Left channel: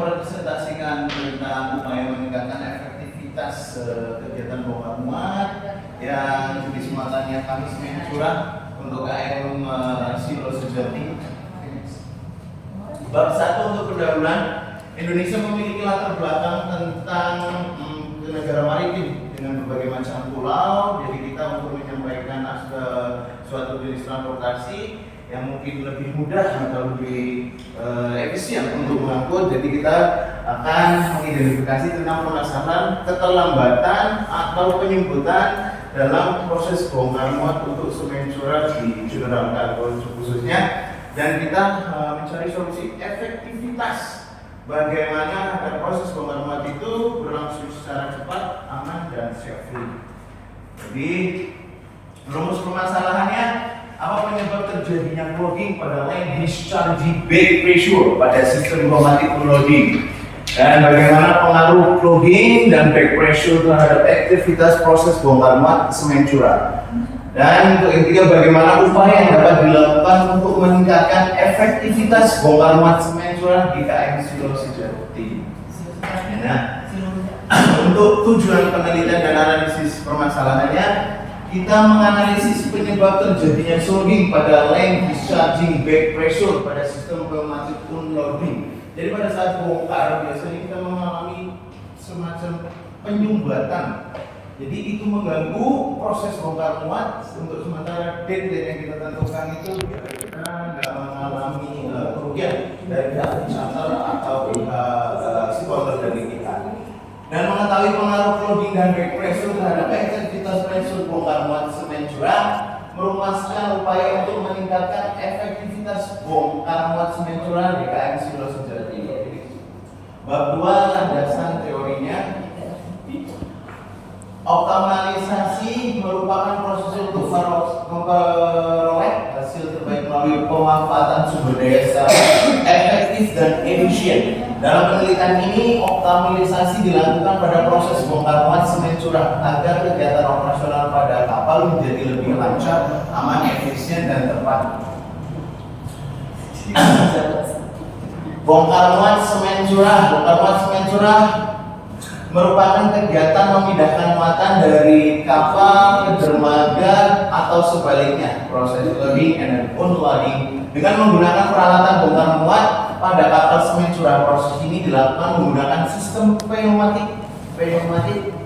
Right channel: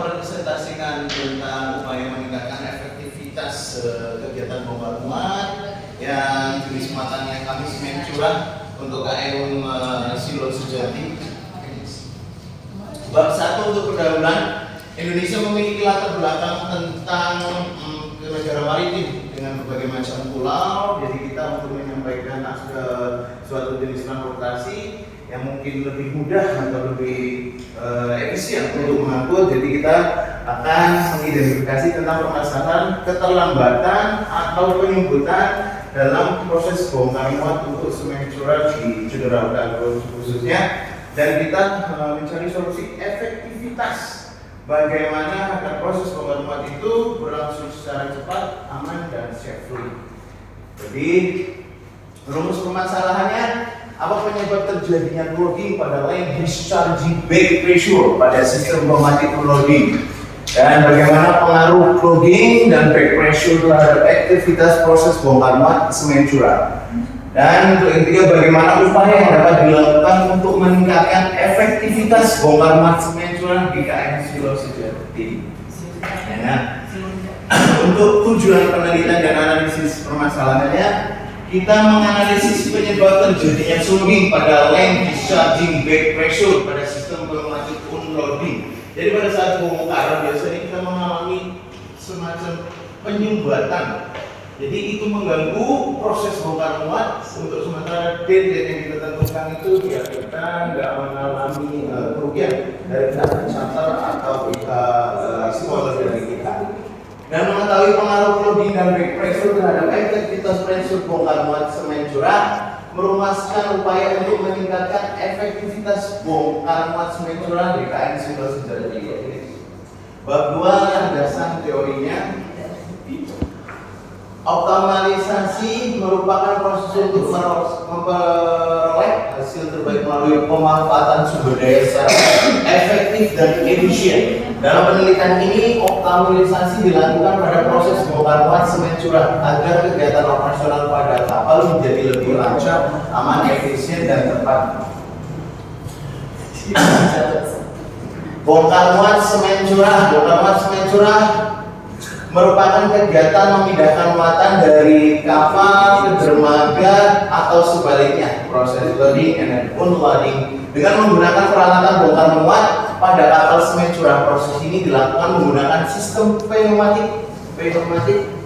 mempresentasikan tentang upaya meningkatkan efektivitas kegiatan bongkar muat yang jenis muatannya kami semen curah untuk KM Silo Sejati. Bab 1 untuk pendahuluan. Indonesia memiliki latar belakang tentang negara maritim dengan berbagai macam pulau. Jadi kita untuk menyampaikan suatu jenis transportasi yang mungkin lebih mudah atau lebih efisien untuk mengangkut. Jadi kita akan mengidentifikasi tentang permasalahan keterlambatan atau penyumbutan dalam proses bongkar muat untuk semen curah di General Cargo khususnya, dan kita mencari solusi efektivitas bagaimana agar proses bongkar muat itu berlangsung secara cepat, aman, dan safely. Jadi rumus permasalahannya, apa penyebab terjadinya clogging pada line discharging back pressure pada sistem pneumatic loading, dan bagaimana pengaruh clogging dan back pressure terhadap aktivitas proses bongkar muat semen curah, dan untuk yang ketiga bagaimana upaya yang dapat dilakukan untuk meningkatkan efektivitas bongkar muat semen curah di KM Silo Sejati. Nah, untuk tujuan penelitian dan analisis permasalahannya, kita menganalisis penyebab terjadinya clogging pada line discharging back pressure pada sistem pneumatic unloading. Jadi pada saat bongkar biasanya kita mengalami semacam penyumbatan. Jadi itu mengganggu proses bongkar muat. Untuk sementara deadline yang kita tentukan itu biar kita nggak mengalami kerugian dari pihak charter atau pihak sponsor dari kita. Dan mengetahui pengaruh clogging dan back pressure terhadap aktivitas pressure bongkar muat semen curah, merumuskan upaya untuk meningkatkan efektivitas bongkar muat semen curah di KM Silo Sejati. Bab 2 landasan teorinya. Optimalisasi merupakan proses untuk memperoleh hasil terbaik melalui pemanfaatan sumber daya secara efektif dan efisien. Dalam penelitian ini, optimalisasi dilakukan pada proses bongkar muat semen curah agar kegiatan operasional pada kapal menjadi lebih lancar, aman, efisien, dan tepat. Bongkar muat semen curah merupakan kegiatan memindahkan muatan dari kapal ke dermaga atau sebaliknya, proses loading and unloading dengan menggunakan peralatan bongkar muat pada kapal semen curah. Proses ini dilakukan menggunakan sistem pneumatic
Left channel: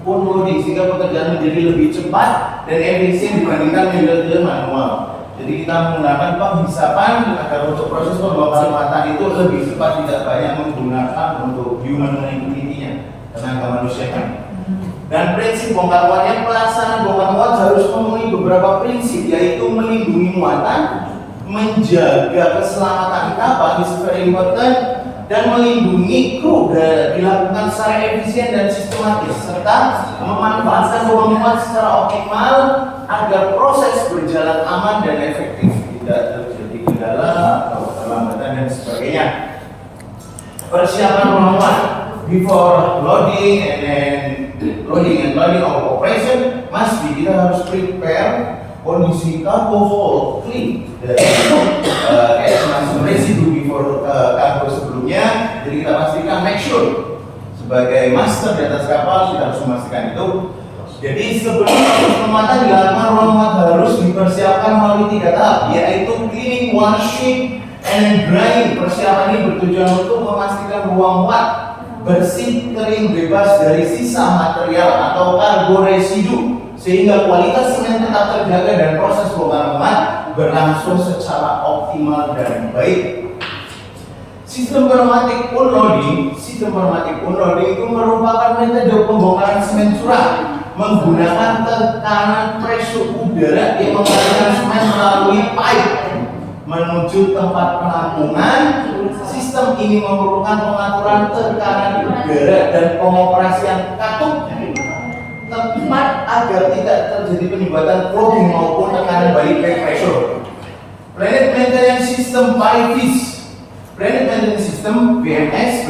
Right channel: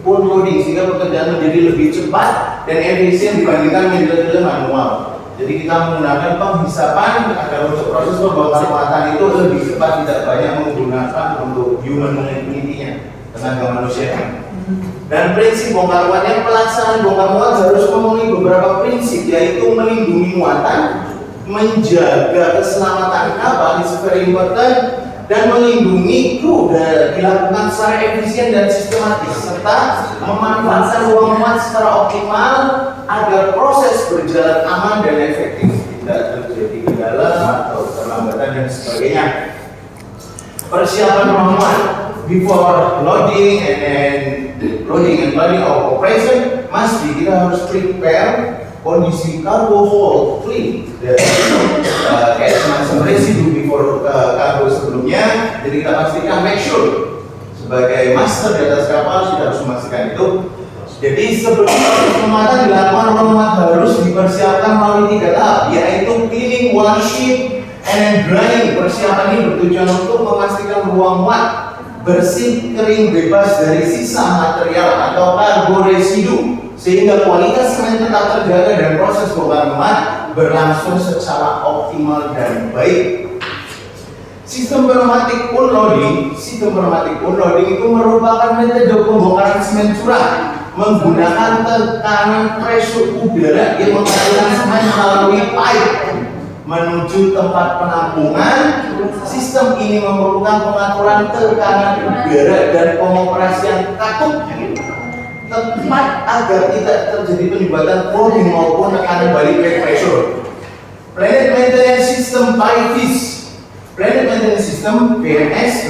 unloading sehingga pekerjaan menjadi lebih cepat dan efisien dibandingkan metode manual. Jadi kita menggunakan penghisapan agar untuk proses pembongkaran muatan itu lebih cepat, tidak banyak menggunakan untuk human activity-nya, tenaga manusia. Dan prinsip bongkar muatnya, pelaksanaan bongkar muat harus memenuhi beberapa prinsip, yaitu melindungi muatan, menjaga keselamatan kapal, is very important, dan melindungi kru dilakukan secara efisien dan sistematis, serta memanfaatkan ruang muat secara optimal agar proses berjalan aman dan efektif, tidak terjadi kendala atau keterlambatan dan sebagainya. Persiapan ruang muat before loading and loading operation must be, kita harus prepare kondisi cargo hold clean, kayak semacam residu before cargo sebelumnya. Jadi kita pastikan, make sure sebagai master di atas kapal kita harus memastikan itu. Jadi sebelum pemuatan dilakukan, ruang muat harus dipersiapkan melalui 3 tahap, yaitu cleaning, washing, and drying. Persiapan ini bertujuan untuk memastikan ruang muat bersih, kering, bebas dari sisa material atau kargo residu, sehingga kualitas semen tetap terjaga dan proses bongkar muat berlangsung secara optimal dan baik. Sistem pneumatic unloading itu merupakan metode pembongkaran semen curah menggunakan tekanan pressure udara yang mengalirkan semen melalui pipe menuju tempat penampungan. Sistem ini memerlukan pengaturan tekanan udara dan pengoperasian katup tepat agar tidak terjadi penyumbatan clogging maupun tekanan balik back pressure. Planet Maintenance System (PMS). Planet Maintenance System (PMS)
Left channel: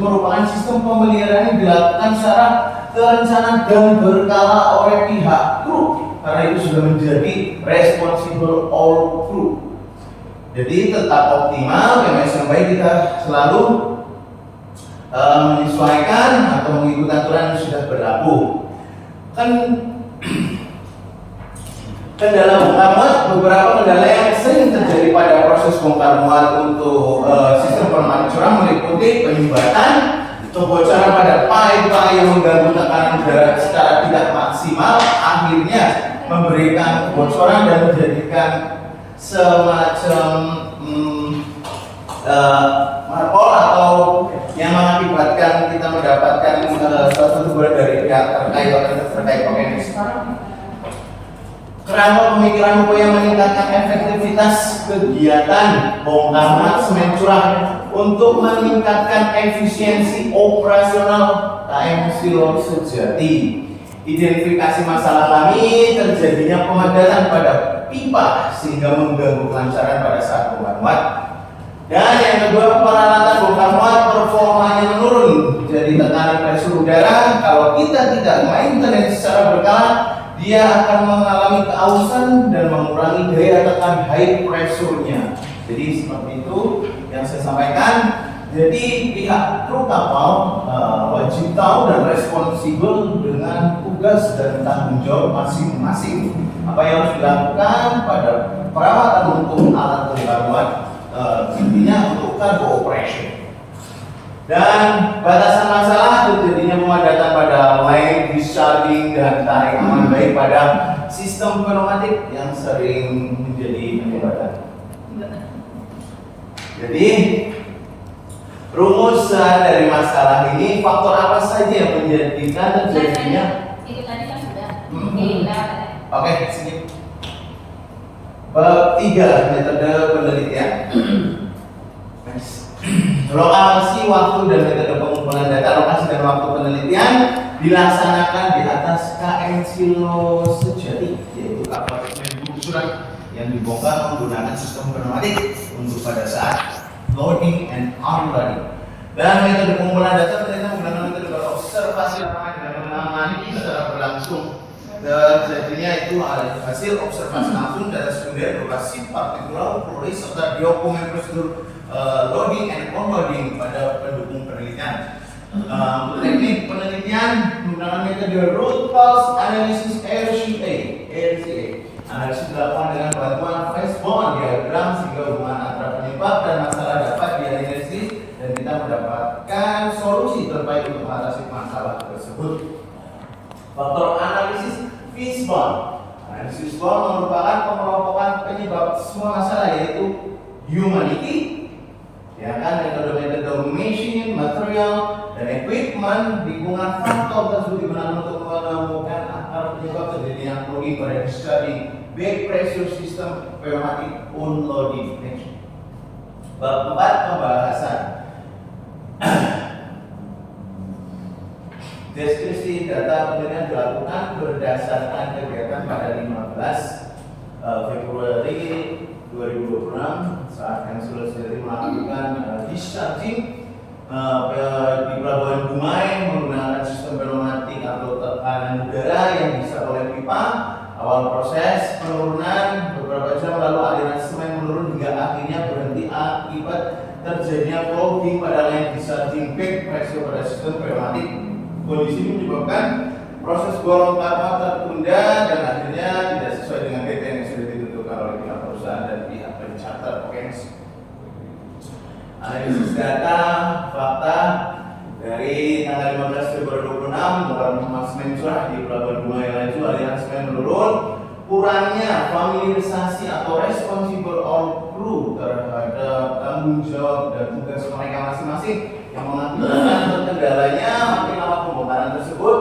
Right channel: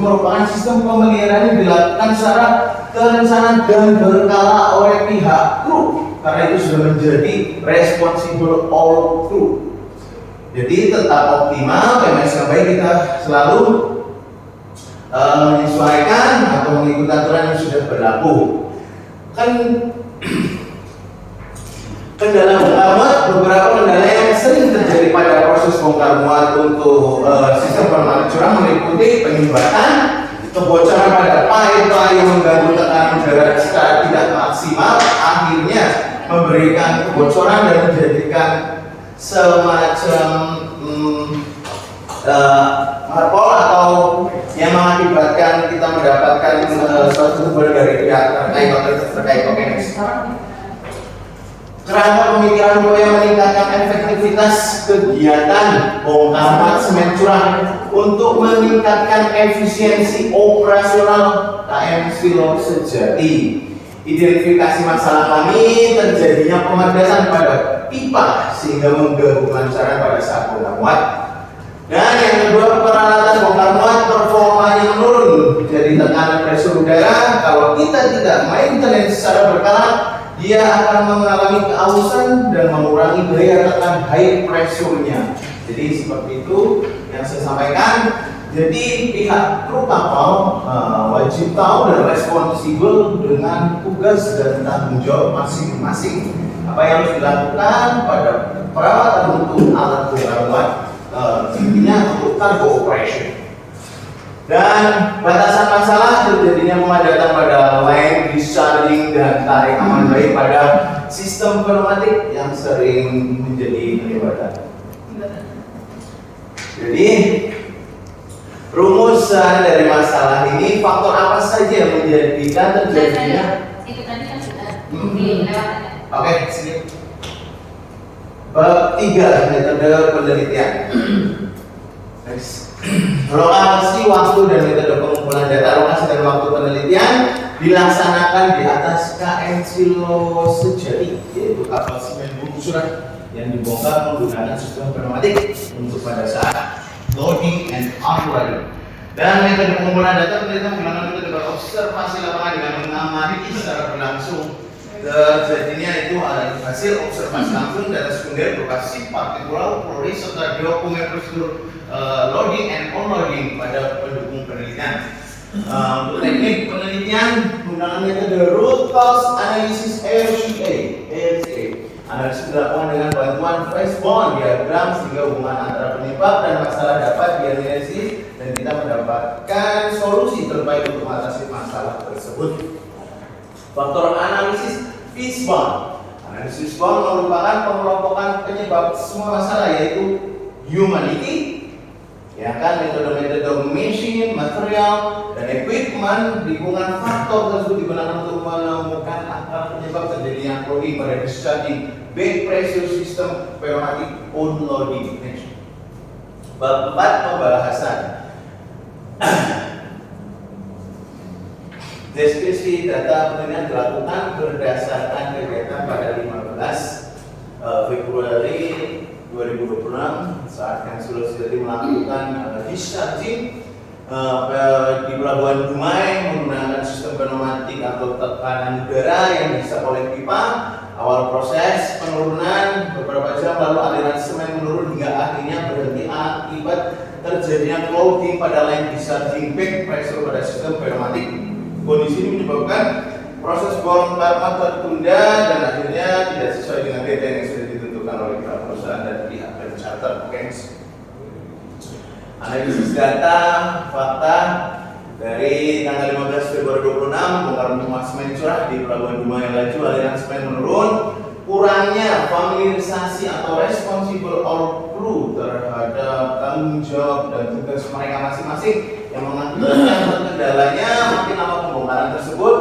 merupakan sistem pemeliharaan yang dilakukan secara terencana dan berkala oleh pihak kru, karena itu sudah menjadi responsible all kru. Jadi tetap optimal, PMS yang baik kita selalu menyesuaikan atau mengikuti aturan yang sudah berlaku. Kan kendala bongkar muat, beberapa kendala yang sering terjadi pada proses bongkar muat untuk sistem pemanas curah meliputi penyumbatan, kebocoran pada pipa yang mengganggu tekanan udara secara tidak maksimal, akhirnya memberikan kebocoran dan menjadikan semacam marpol atau yang mengakibatkan kita mendapatkan suatu teguran dari pihak terkait otoritas terkait. Oke, kerangka pemikiran upaya meningkatkan efektivitas kegiatan bongkar muat semen curah untuk meningkatkan efisiensi operasional KM Silo Sejati. Identifikasi masalah kami terjadinya pemadasan pada pipa sehingga mengganggu kelancaran pada saat bongkar muat. Dan yang kedua, peralatan bongkar muat performanya menurun. Jadi tekanan pressure udara kalau kita tidak maintenance secara berkala, dia akan mengalami keausan dan mengurangi daya tekan high pressure-nya. Jadi seperti itu yang saya sampaikan. Jadi pihak kru kapal wajib tahu dan responsibel dengan tugas dan tanggung jawab masing-masing. Apa yang harus dilakukan pada perawatan untuk alat bongkar muat, intinya untuk cargo operation. Dan batasan masalah terjadinya pemadatan pada line discharging dan tarik aman baik pada sistem pneumatik yang sering menjadi penyebab. Jadi rumusan dari masalah ini, faktor apa saja yang menjadikan terjadinya? Itu tadi kan sudah. Oke, sini. Bab 3, metode penelitian. Next. Lokasi, waktu, dan metode pengumpulan data. Lokasi dan waktu penelitian dilaksanakan di atas KM Silo Sejati, yaitu kapal semen bulu surat yang dibongkar menggunakan sistem pneumatik untuk pada saat loading and unloading. Dan metode pengumpulan data penelitian menggunakan metode berobservasi lapangan dengan mengamati secara berlangsung terjadinya itu hasil observasi langsung data sekunder berupa shift partikular polisi serta dokumen prosedur loading and unloading pada pendukung penelitian. Untuk teknik penelitian menggunakan metode root cause analysis RCA. Analisis dilakukan dengan bantuan Fishbone diagram sehingga hubungan antara penyebab dan masalah dapat dianalisis dan kita mendapatkan solusi terbaik untuk mengatasi masalah tersebut. Faktor analisis Fishbone. Analisis Fishbone merupakan pengelompokan penyebab semua masalah, yaitu humanity, ya kan, metode-metode machine, material, dan equipment. Lingkungan faktor tersebut digunakan untuk menemukan akar penyebab terjadinya clogging pada discharging back pressure system pneumatic unloading. Bab 4, pembahasan. Deskripsi data penelitian dilakukan berdasarkan kegiatan pada 15 Februari 2026 saat KM Silo Sejati melakukan discharging di Pelabuhan Dumai menggunakan sistem pneumatik atau tekanan udara yang dihisap oleh pipa. Awal proses penurunan beberapa jam lalu aliran semen menurun hingga akhirnya berhenti akibat terjadinya clogging pada line discharging back pressure pada sistem pneumatik. Kondisi ini menyebabkan proses bongkar muat tertunda dan akhirnya tidak sesuai dengan deadline yang sudah ditentukan oleh pihak perusahaan dan pihak pencharter. Oke. Analisis data fakta dari tanggal 15 Februari 2026 bongkar muat semen curah di Pelabuhan Dumai laju aliran semen menurun, kurangnya familiarisasi atau responsible or crew terhadap tanggung jawab dan tugas mereka masing-masing yang mengakibatkan terkendalanya makin lama pembongkaran tersebut,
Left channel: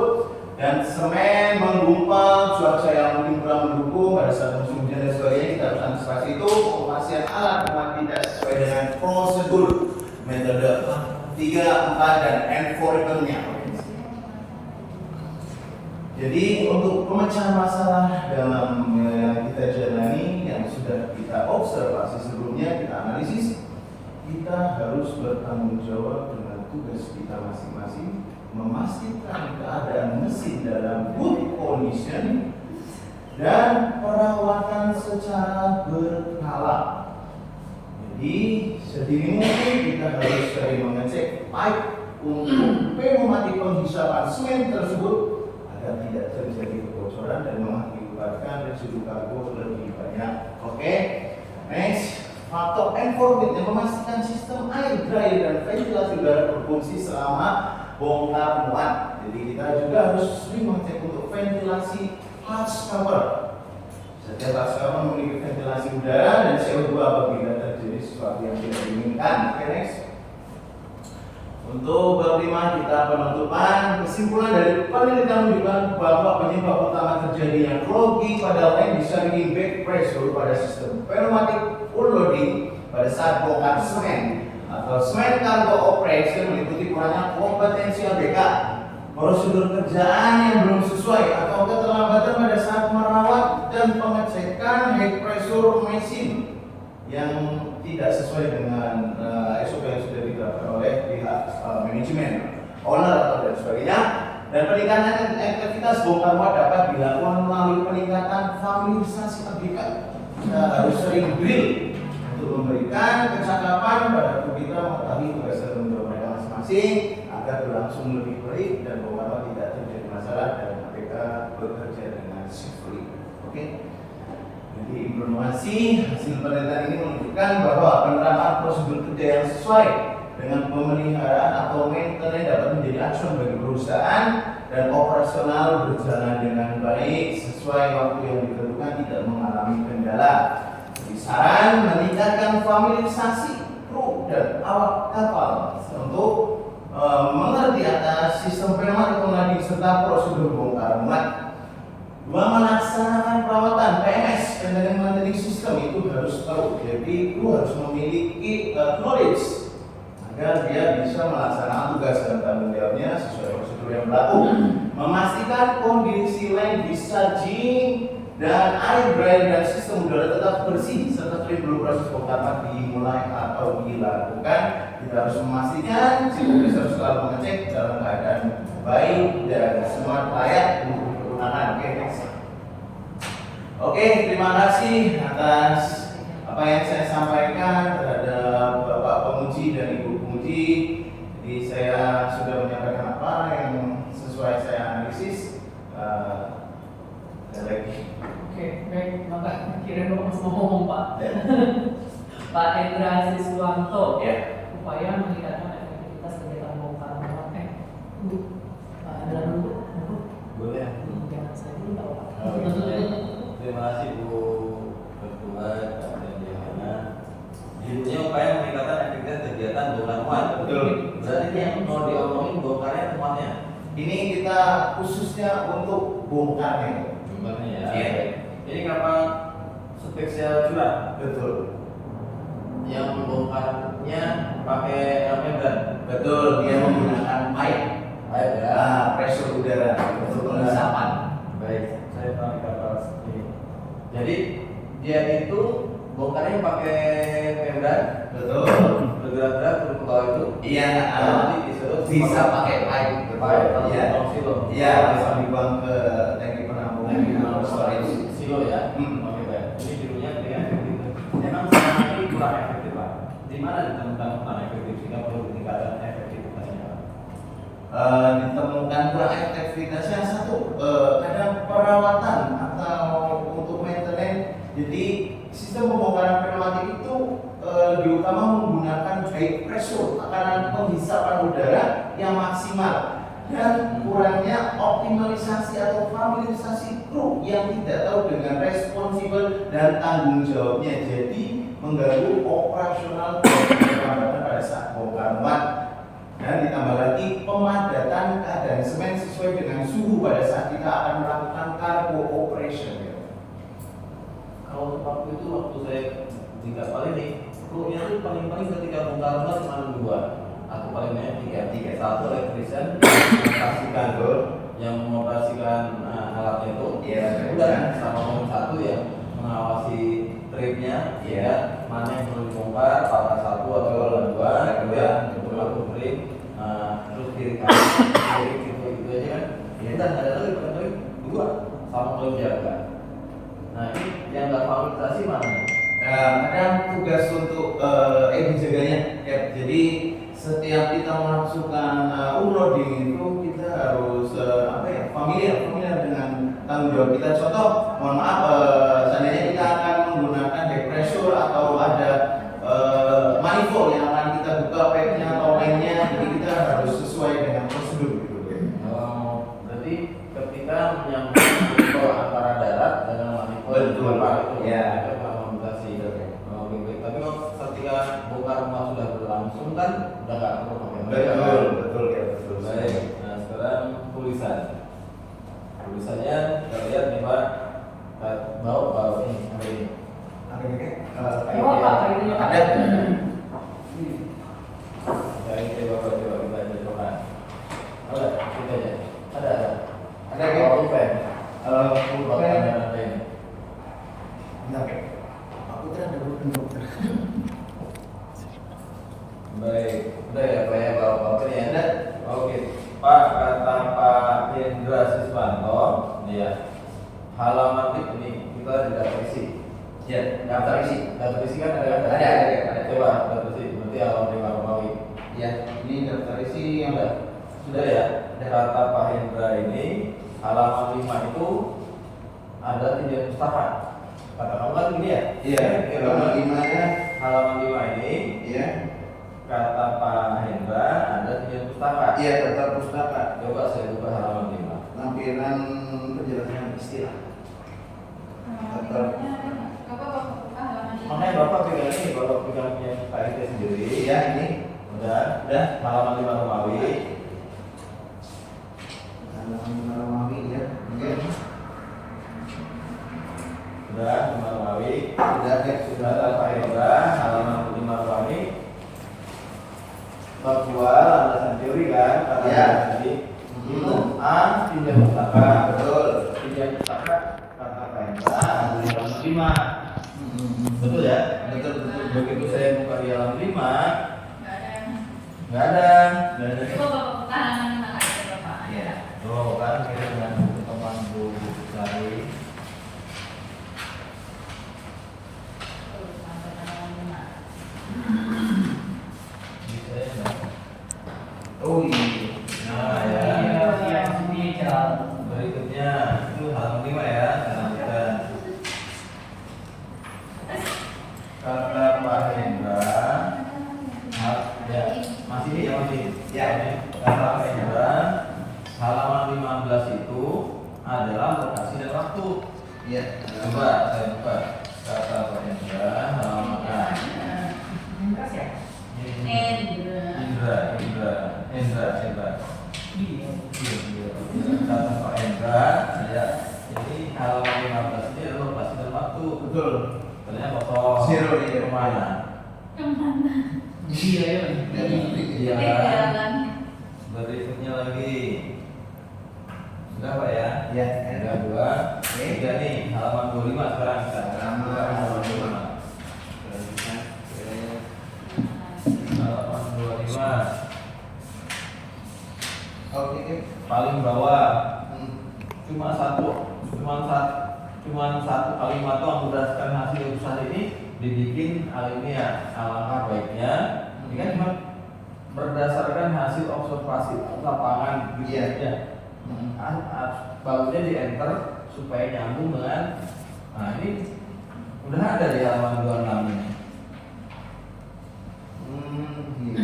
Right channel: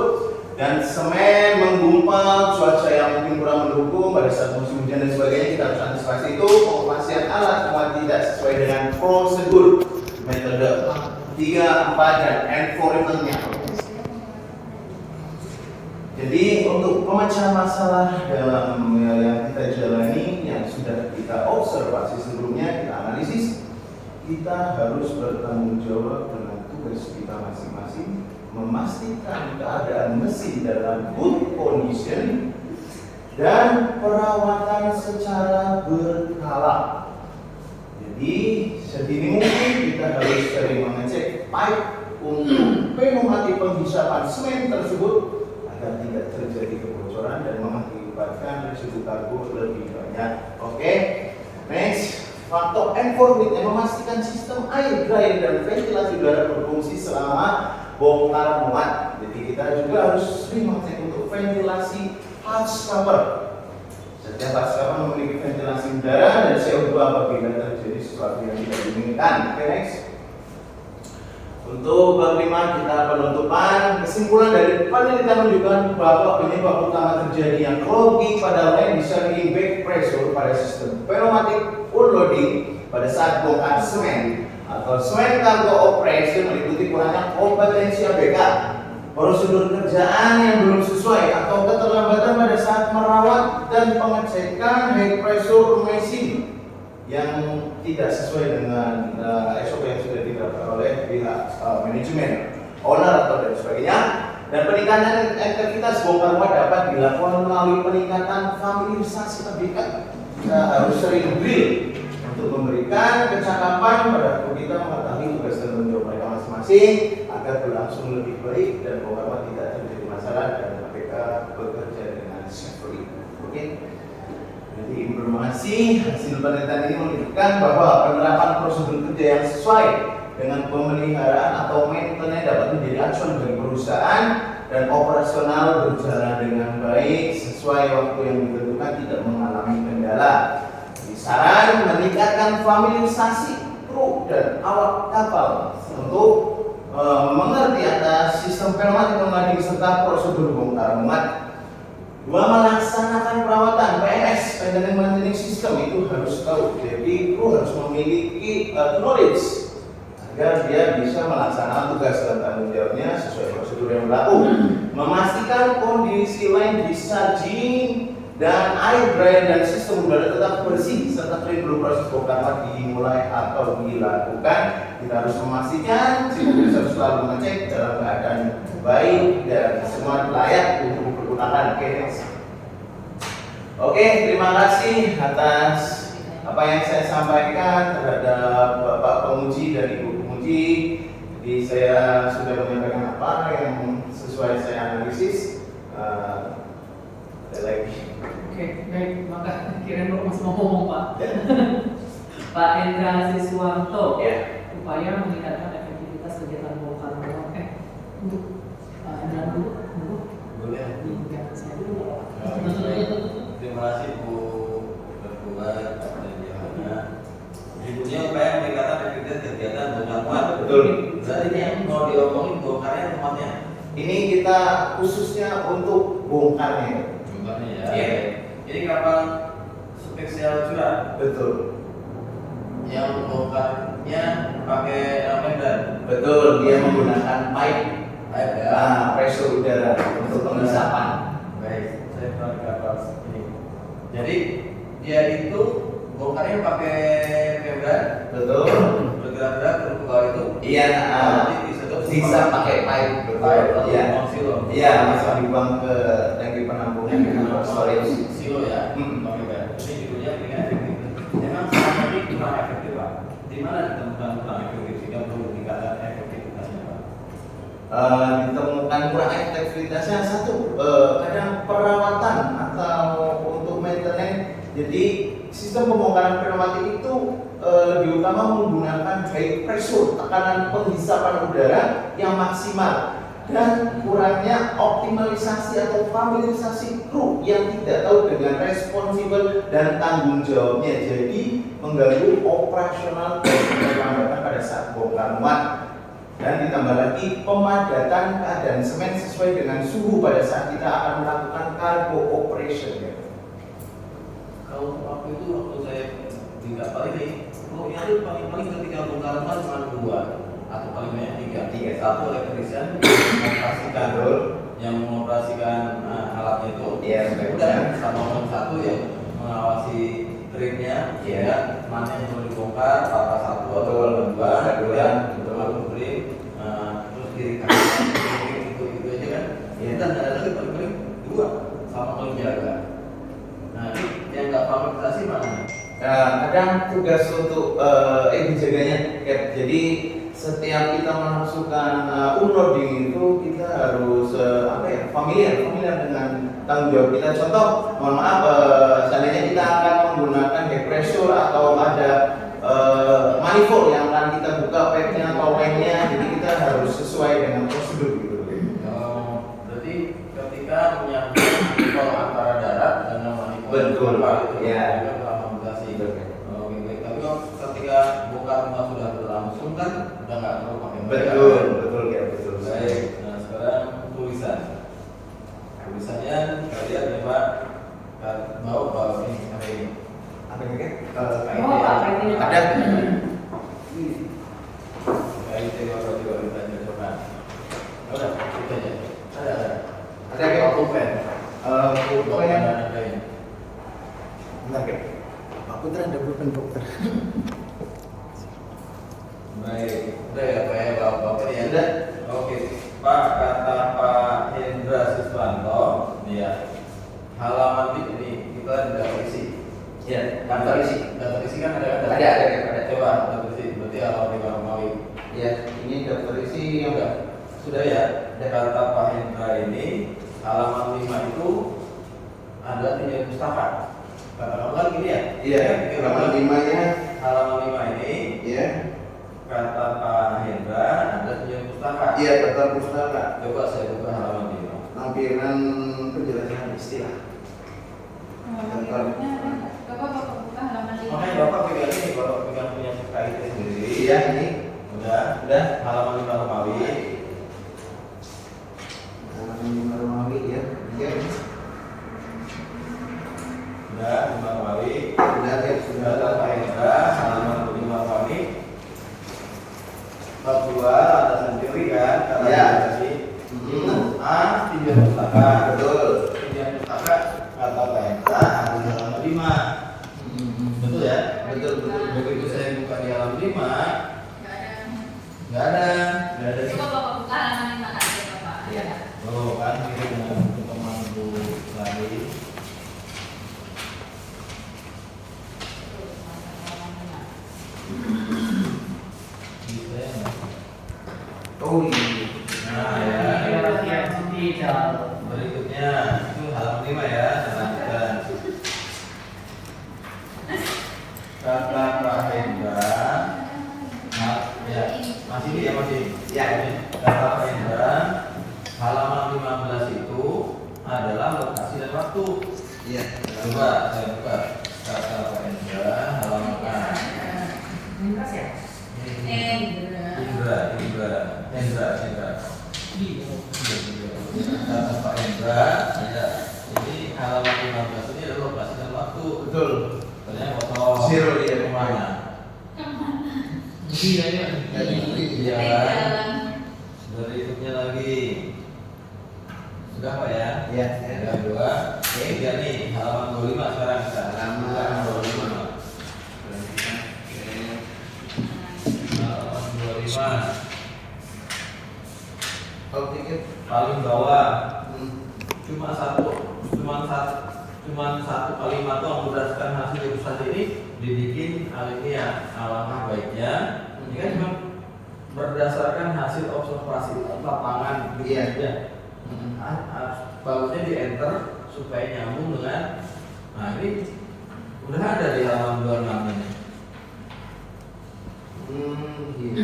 dan semen menggumpal, cuaca yang mungkin kurang mendukung pada saat musim hujan dan sebagainya. Kita harus antisipasi itu. Pengoperasian alat muat tidak sesuai dengan prosedur, metode 3, 4, dan environment-nya. Jadi untuk pemecahan masalah dalam yang kita jalani, yang sudah kita observasi sebelumnya, kita analisis, kita harus bertanggung jawab dengan tugas kita masing-masing, memastikan keadaan mesin dalam good condition dan perawatan secara berkala. Jadi sedini mungkin kita harus sering mengecek pipe untuk pneumatik penghisapan semen tersebut agar tidak terjadi kebocoran dan mengakibatkan residu kargo lebih banyak. Oke, next. Faktor environment yang memastikan sistem air, dryer, dan ventilasi udara berfungsi selama bongkar muat. Jadi kita juga harus sering mengecek untuk ventilasi husk cover. Setiap husk cover memiliki ventilasi udara dan CO2 apabila terjadi sesuatu yang tidak diinginkan. Oke, next. Untuk bab 5 kita penutupan. Kesimpulan dari penelitian menunjukkan bahwa penyebab utama terjadinya clogging pada line disertai back pressure pada sistem pneumatik unloading pada saat bongkar semen atau semen cargo operation meliputi kurangnya kompetensi ABK, prosedur kerjaan yang belum sesuai atau keterlambatan pada saat merawat dan pengecekan high pressure mesin yang tidak sesuai dengan SOP yang sudah diterapkan oleh pihak manajemen, owner atau dan sebagainya. Dan peningkatan aktivitas bongkar muat dapat dilakukan melalui peningkatan familiarisasi ABK. Kita harus sering drill untuk memberikan kecakapan pada kru kita mengetahui tugas dan tanggung jawab mereka masing-masing agar berlangsung lebih baik dan bongkar muat tidak terjadi masalah dan mereka bekerja dengan safely. Oke. Jadi informasi hasil penelitian ini menunjukkan bahwa penerapan prosedur kerja yang sesuai dengan pemeliharaan atau maintenance dapat menjadi acuan bagi perusahaan dan operasional berjalan dengan baik sesuai waktu yang ditentukan, tidak mengalami kendala. Jadi saran meningkatkan familiarisasi kru dan awak kapal untuk mengerti atas sistem pneumatik unloading serta prosedur bongkar muat. 2. Melaksanakan perawatan PMS (Maintenance System) itu harus tahu. Jadi kru harus memiliki knowledge agar dia bisa melaksanakan tugas dan tanggung jawabnya sesuai prosedur yang berlaku. Memastikan kondisi line discharging dan air dryer dan sistem udara tetap bersih serta clean sebelum proses bongkar muat dimulai atau dilakukan. Kita harus memastikan si petugas harus selalu mengecek dalam keadaan baik dan semua layak untuk digunakan. Oke, terima kasih atas apa yang saya sampaikan terhadap Bapak penguji dan Ibu penguji. Jadi saya sudah menyampaikan apa yang sesuai saya analisis. Ada lagi. Oke, baik, maka kira Bapak masih mau ngomong, Pak. Ya. Pak Endra Siswanto, Ya. upaya meningkatkan efektivitas kegiatan bongkar muat. Untuk Pak Endra dulu. Boleh. Iya, saya dulu nggak apa-apa. Terima kasih Bu Ketua dan Johanna. Judulnya upaya meningkatkan efektivitas kegiatan bongkar muat. Betul. Berarti ini yang mau diomongin bongkarnya muatnya. Ini kita khususnya untuk bongkarnya. Bongkarnya ya. Iya. Ini kapal spesial curah Betul. yang bongkarnya pakai member. Betul. Dia menggunakan pipe, Baik ya. pressure udara untuk penghisapan. Baik. Saya tahu kapal ini. Jadi dia itu bongkarnya pakai member. Betul. Bergerak-gerak ke bawah itu. Iya. Sisa pakai pipe. Iya. Iya. Langsung dibuang ke tangki penampungan atau storage. Silo ya. Ini judulnya peningkatan efektivitas. Memang selama ini kurang efektif Pak. Di mana ditemukan kurang efektif sehingga perlu peningkatan efektivitasnya Pak? Ditemukan kurang efektivitasnya satu, kadang perawatan atau untuk maintenance. Jadi sistem pembongkaran pneumatik itu lebih utama menggunakan high pressure, tekanan penghisapan udara yang maksimal, dan kurangnya optimalisasi atau familiarisasi kru yang tidak tahu dengan responsibel dan tanggung jawabnya, jadi mengganggu operasional dan perlambatan pada saat bongkar muat. Dan ditambah lagi pemadatan keadaan semen sesuai dengan suhu pada saat kita akan melakukan cargo operation. Kalau waktu saya di kapal ini, krunya itu paling-paling ketika bongkar muat cuma 2 atau paling banyak 3. Satu elektrisian yang mengoperasikan alatnya itu, udah sama orang satu yang mengawasi tripnya, ya mana yang perlu dibongkar, apakah satu atau dua, terus kiri kanan, gitu aja kan. Dan ada lagi paling 2 sama penjaga. Nah ini yang nggak fakultasi mana? Kadang tugas untuk dijaganya, ya. Jadi setiap kita pemasukan unloading itu kita harus familiar dengan tanggung jawab kita. Contoh, mohon maaf, seandainya kita akan menggunakan back pressure atau ada manifold yang akan kita buka pipe-nya atau line-nya, jadi kita harus sesuai dengan prosedur gitu. Berarti ketika menyangkut manifold antara darat dengan manifold Betul. kapal itu Ya. akomodasi. Betul. Oke, baik. Tapi kalau ketika bongkar muat sudah berlangsung kan udah nggak perlu pakai media, Betul, kan? betul. Baik. Nah sekarang tulisan. Tulisannya kita lihat nih Pak. Bawa ini ada ini. Ada nggak? Oh, Pak, ini Pak. Ada. Dari coba kita coba. Ada kita aja. Ada. Ada nggak? Pulpen. Pulpen. Ada ini. Bentar, Kak. Aku terada pulpen dokter. Baik, udah ya Pak ya, bapak ya. Ada. Oke, Pak, kata Pak Hendra Siswanto, nih ya, halaman tip ini kita tidak terisi. Ya, daftar isi. Daftar isi kan ada. Ada. Coba daftar isi, berarti halaman 5 Romawi. Ya, ini daftar isi yang Sudah ya. Kata Pak Hendra ini halaman 5 itu ada 3 pustaka. Kata kamu kan gini ya? Iya, halaman 5 ya. Halaman 5 ini. Iya. Kata Pak Hendra ada 3 pustaka. Iya, daftar pustaka. Coba saya buka halaman 5. Lampiran penjelasan istilah. Makanya Bapak pegang ini, kalau pegang punya KIT sendiri. Iya, ini. Udah. Halaman 5 Romawi. Halaman 5 Romawi ya. Oke. Udah 5 Romawi. Sudah, Kak. Sudah ada Pak Hendra, halaman 5 Romawi. Bab 2 ada sendiri kan? Iya. A 3 pustaka. Betul. 3 pustaka kata Pak Hendra ada di halaman 5. Betul ya? Betul. Begitu saya buka di halaman 5, nggak ada. Iya. Tuh kan ini dengan teman Bu Lari. Bisa ya? Oh iya. Nah ya. Berikutnya itu halaman 5 ya. Saya lanjutkan. Kata Pak Hendra, ya masih ini ya masih. Ya. Kata Pak Hendra, halaman 15 itu adalah lokasi dan waktu. Iya. Coba saya buka kata Pak Hendra halaman A. Hendra. Kata Pak Hendra, ya ini halaman 15 ini adalah lokasi dan waktu. Betul. Ternyata foto Zero, iya. kemana? Iya. Iya kan? Berikutnya lagi. Sudah Pak ya? Iya. Yang kedua, tiga nih halaman 25 sekarang kita. Halaman 25. Halaman 25. Oke. Paling bawah cuma satu kalimat doang berdasarkan hasil keputusan ini dibikin alinea. Alangkah baiknya ini kan cuma berdasarkan hasil observasi lapangan gitu Iya. aja. Bagusnya di enter supaya nyambung dengan, nah ini udah ada di halaman 26 ini. Iya.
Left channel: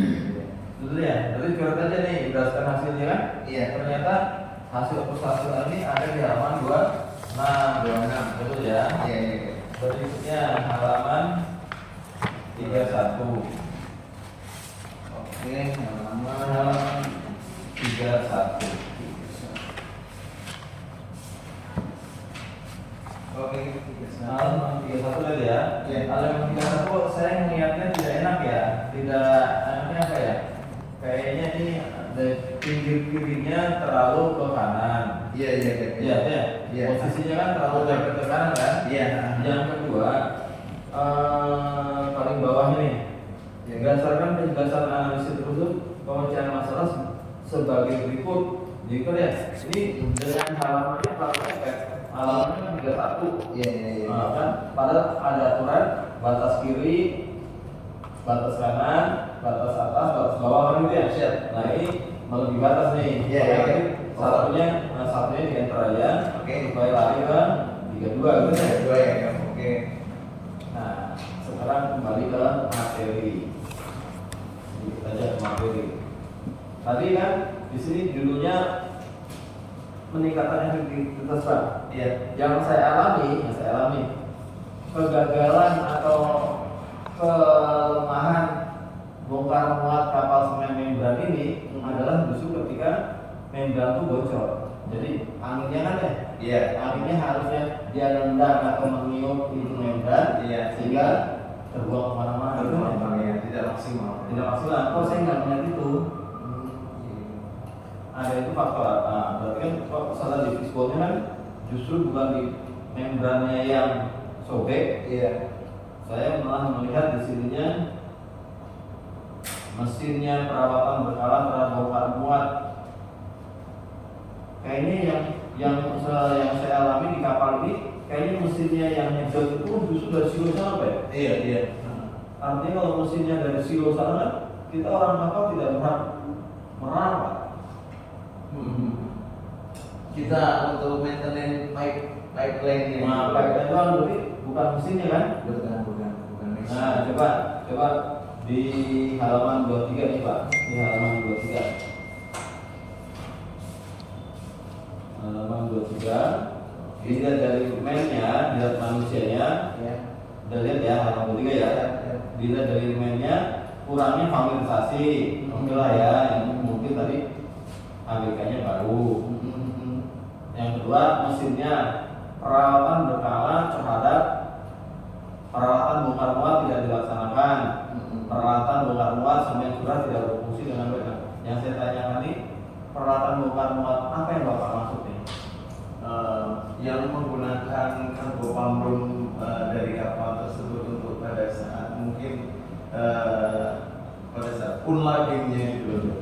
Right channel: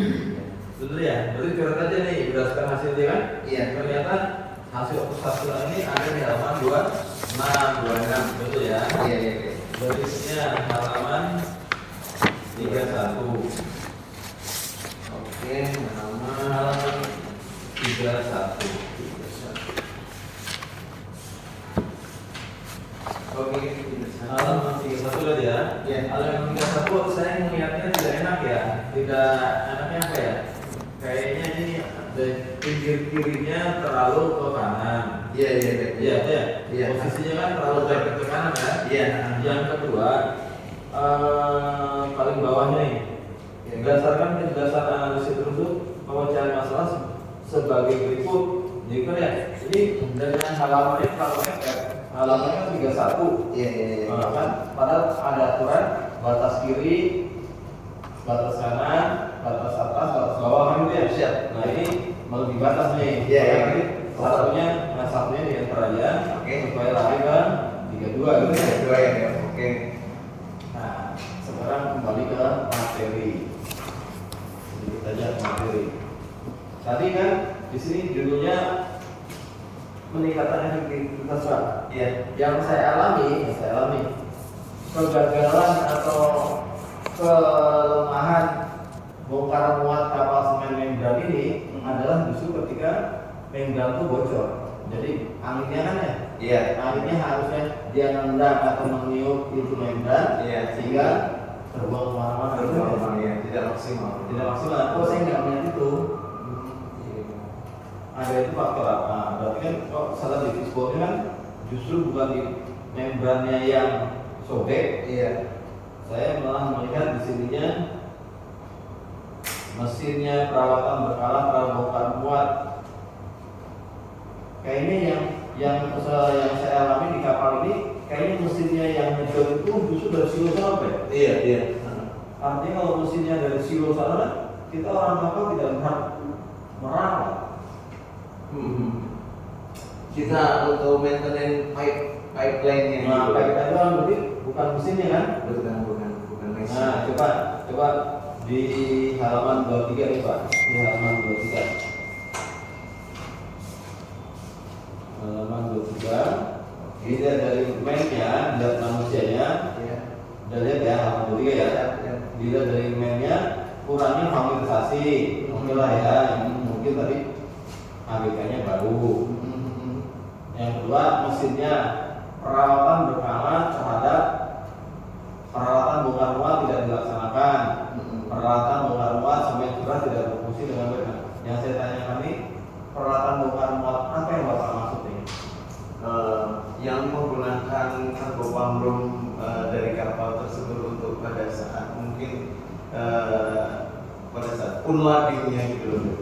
Betul ya? Berarti coret aja nih berdasarkan hasilnya kan? Iya. Ternyata hasil observasi ini ada di halaman 26. Betul ya? Iya. Berikutnya halaman 31. Oke, Halaman 31. Oke. Halaman 31 tadi ya? Iya. Halaman 31 saya melihatnya tidak enak ya. Tidak enaknya apa ya? Kayaknya ini pinggir kirinya terlalu ke kanan. Iya. Iya. Iya. Posisinya kan terlalu ke kanan kan? Iya. Yang kedua, paling bawahnya nih. Iya. Berdasarkan penjelasan analisis tersebut, pemecahan masalah sebagai berikut. Jadi kan ya, ini dengan halamannya kalau halamannya 31. Iya. Nah, kan padahal ada aturan batas kiri, batas kanan, batas atas, batas bawah kan gitu ya. Siap. Nah ini melebihi batas nih. Iya, iya. Jadi satunya di enter aja. Oke. Supaya lari ke 32 gitu ya. Dua ya. Oke. Nah sekarang kembali ke materi. Sedikit aja ke materi. Tadi kan di sini judulnya peningkatan efektivitas Pak. Iya. Yang saya alami kegagalan atau kelemahan bongkar muat kapal semen membran ini adalah justru ketika membran itu bocor. Jadi anginnya kan ya, Iya. anginnya harusnya dia nendang atau meniup itu membran, Iya. sehingga terbuang kemana-mana. gitu ya. Ya, tidak maksimal. Tidak maksimal. Oh saya nggak melihat itu. Ada itu faktor apa? Berarti kan salah di fishbone kan justru bukan di membrannya yang sobek. Iya. Saya malah melihat di sininya mesinnya perawatan berkala terhadap bongkar muat. Kayaknya yang saya alami di kapal ini, kayaknya mesinnya yang ngedot itu justru dari silo sana Pak. Iya, iya. Artinya kalau mesinnya dari silo sana kan, kita orang kapal tidak berhak merawat. Kita untuk maintenance pipeline-nya. Nah, pipeline itu kan berarti bukan mesinnya kan? Bukan mesin. Nah, coba di halaman 23 nih Pak. Di halaman 23. Halaman 23. Dilihat dari mainnya, dilihat manusianya. Ya. Udah lihat ya halaman 23 ya. Ya. Dilihat dari mainnya, kurangnya familiarisasi. Itulah ya, yang mungkin tadi ABK-nya baru. Yang kedua, mesinnya perawatan berkala terhadap peralatan bongkar muat tidak dilaksanakan. Peralatan bongkar muat semen curah tidak berfungsi dengan baik. Yang saya tanyakan ini peralatan bongkar muat apa yang Bapak maksud nih? Yang menggunakan kargo pamrum dari kapal tersebut untuk pada saat mungkin pada saat unladingnya gitu loh.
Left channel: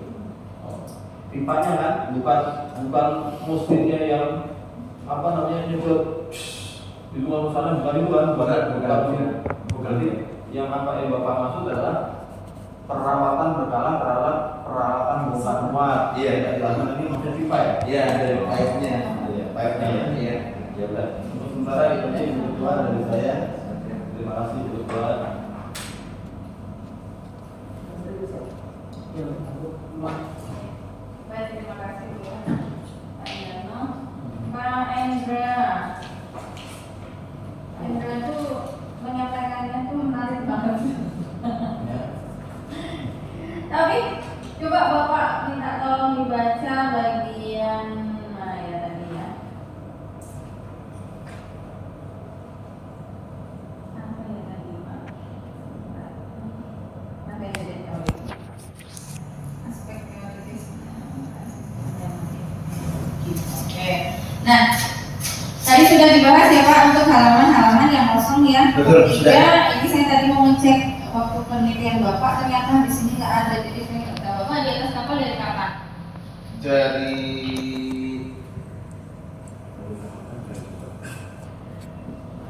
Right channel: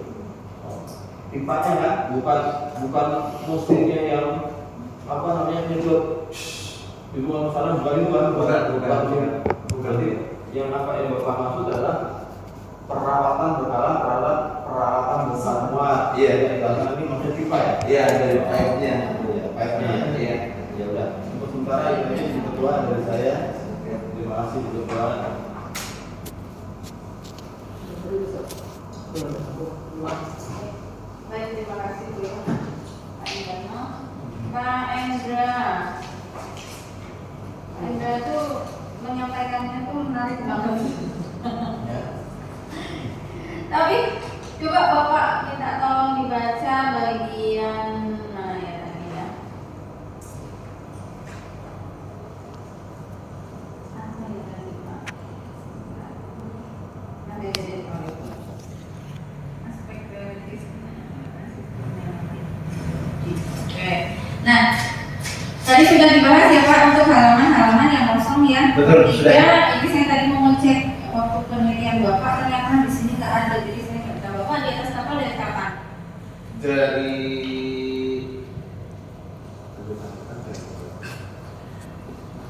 Pipanya kan bukan mesinnya yang apa namanya nyedot di ruang sana, bukan itu kan? Bukan. Yang apa yang Bapak maksud adalah perawatan berkala terhadap peralatan bongkar muat. Iya. Ini maksudnya pipa ya? Iya, dari pipe-nya. Pipe-nya. Iya. Ya udah. Untuk sementara ini kedua dari saya. Terima kasih kedua. Baik, terima kasih Bu ya, Pak Indra. Pak Endra, Pak Endra itu menyampaikannya itu menarik banget. Tapi coba Bapak minta tolong dibaca bagian nah ya tadi ya. Apa ya tadi Pak? Ada jadi aspek prioritas. Oke. Nah, tadi sudah dibahas ya Pak untuk halaman-halaman yang kosong ya. Betul, sudah. Ini saya tadi mau ngecek waktu penelitian Bapak ternyata di sini nggak ada, jadi saya nggak tahu Bapak di atas kapal dari kapan? Dari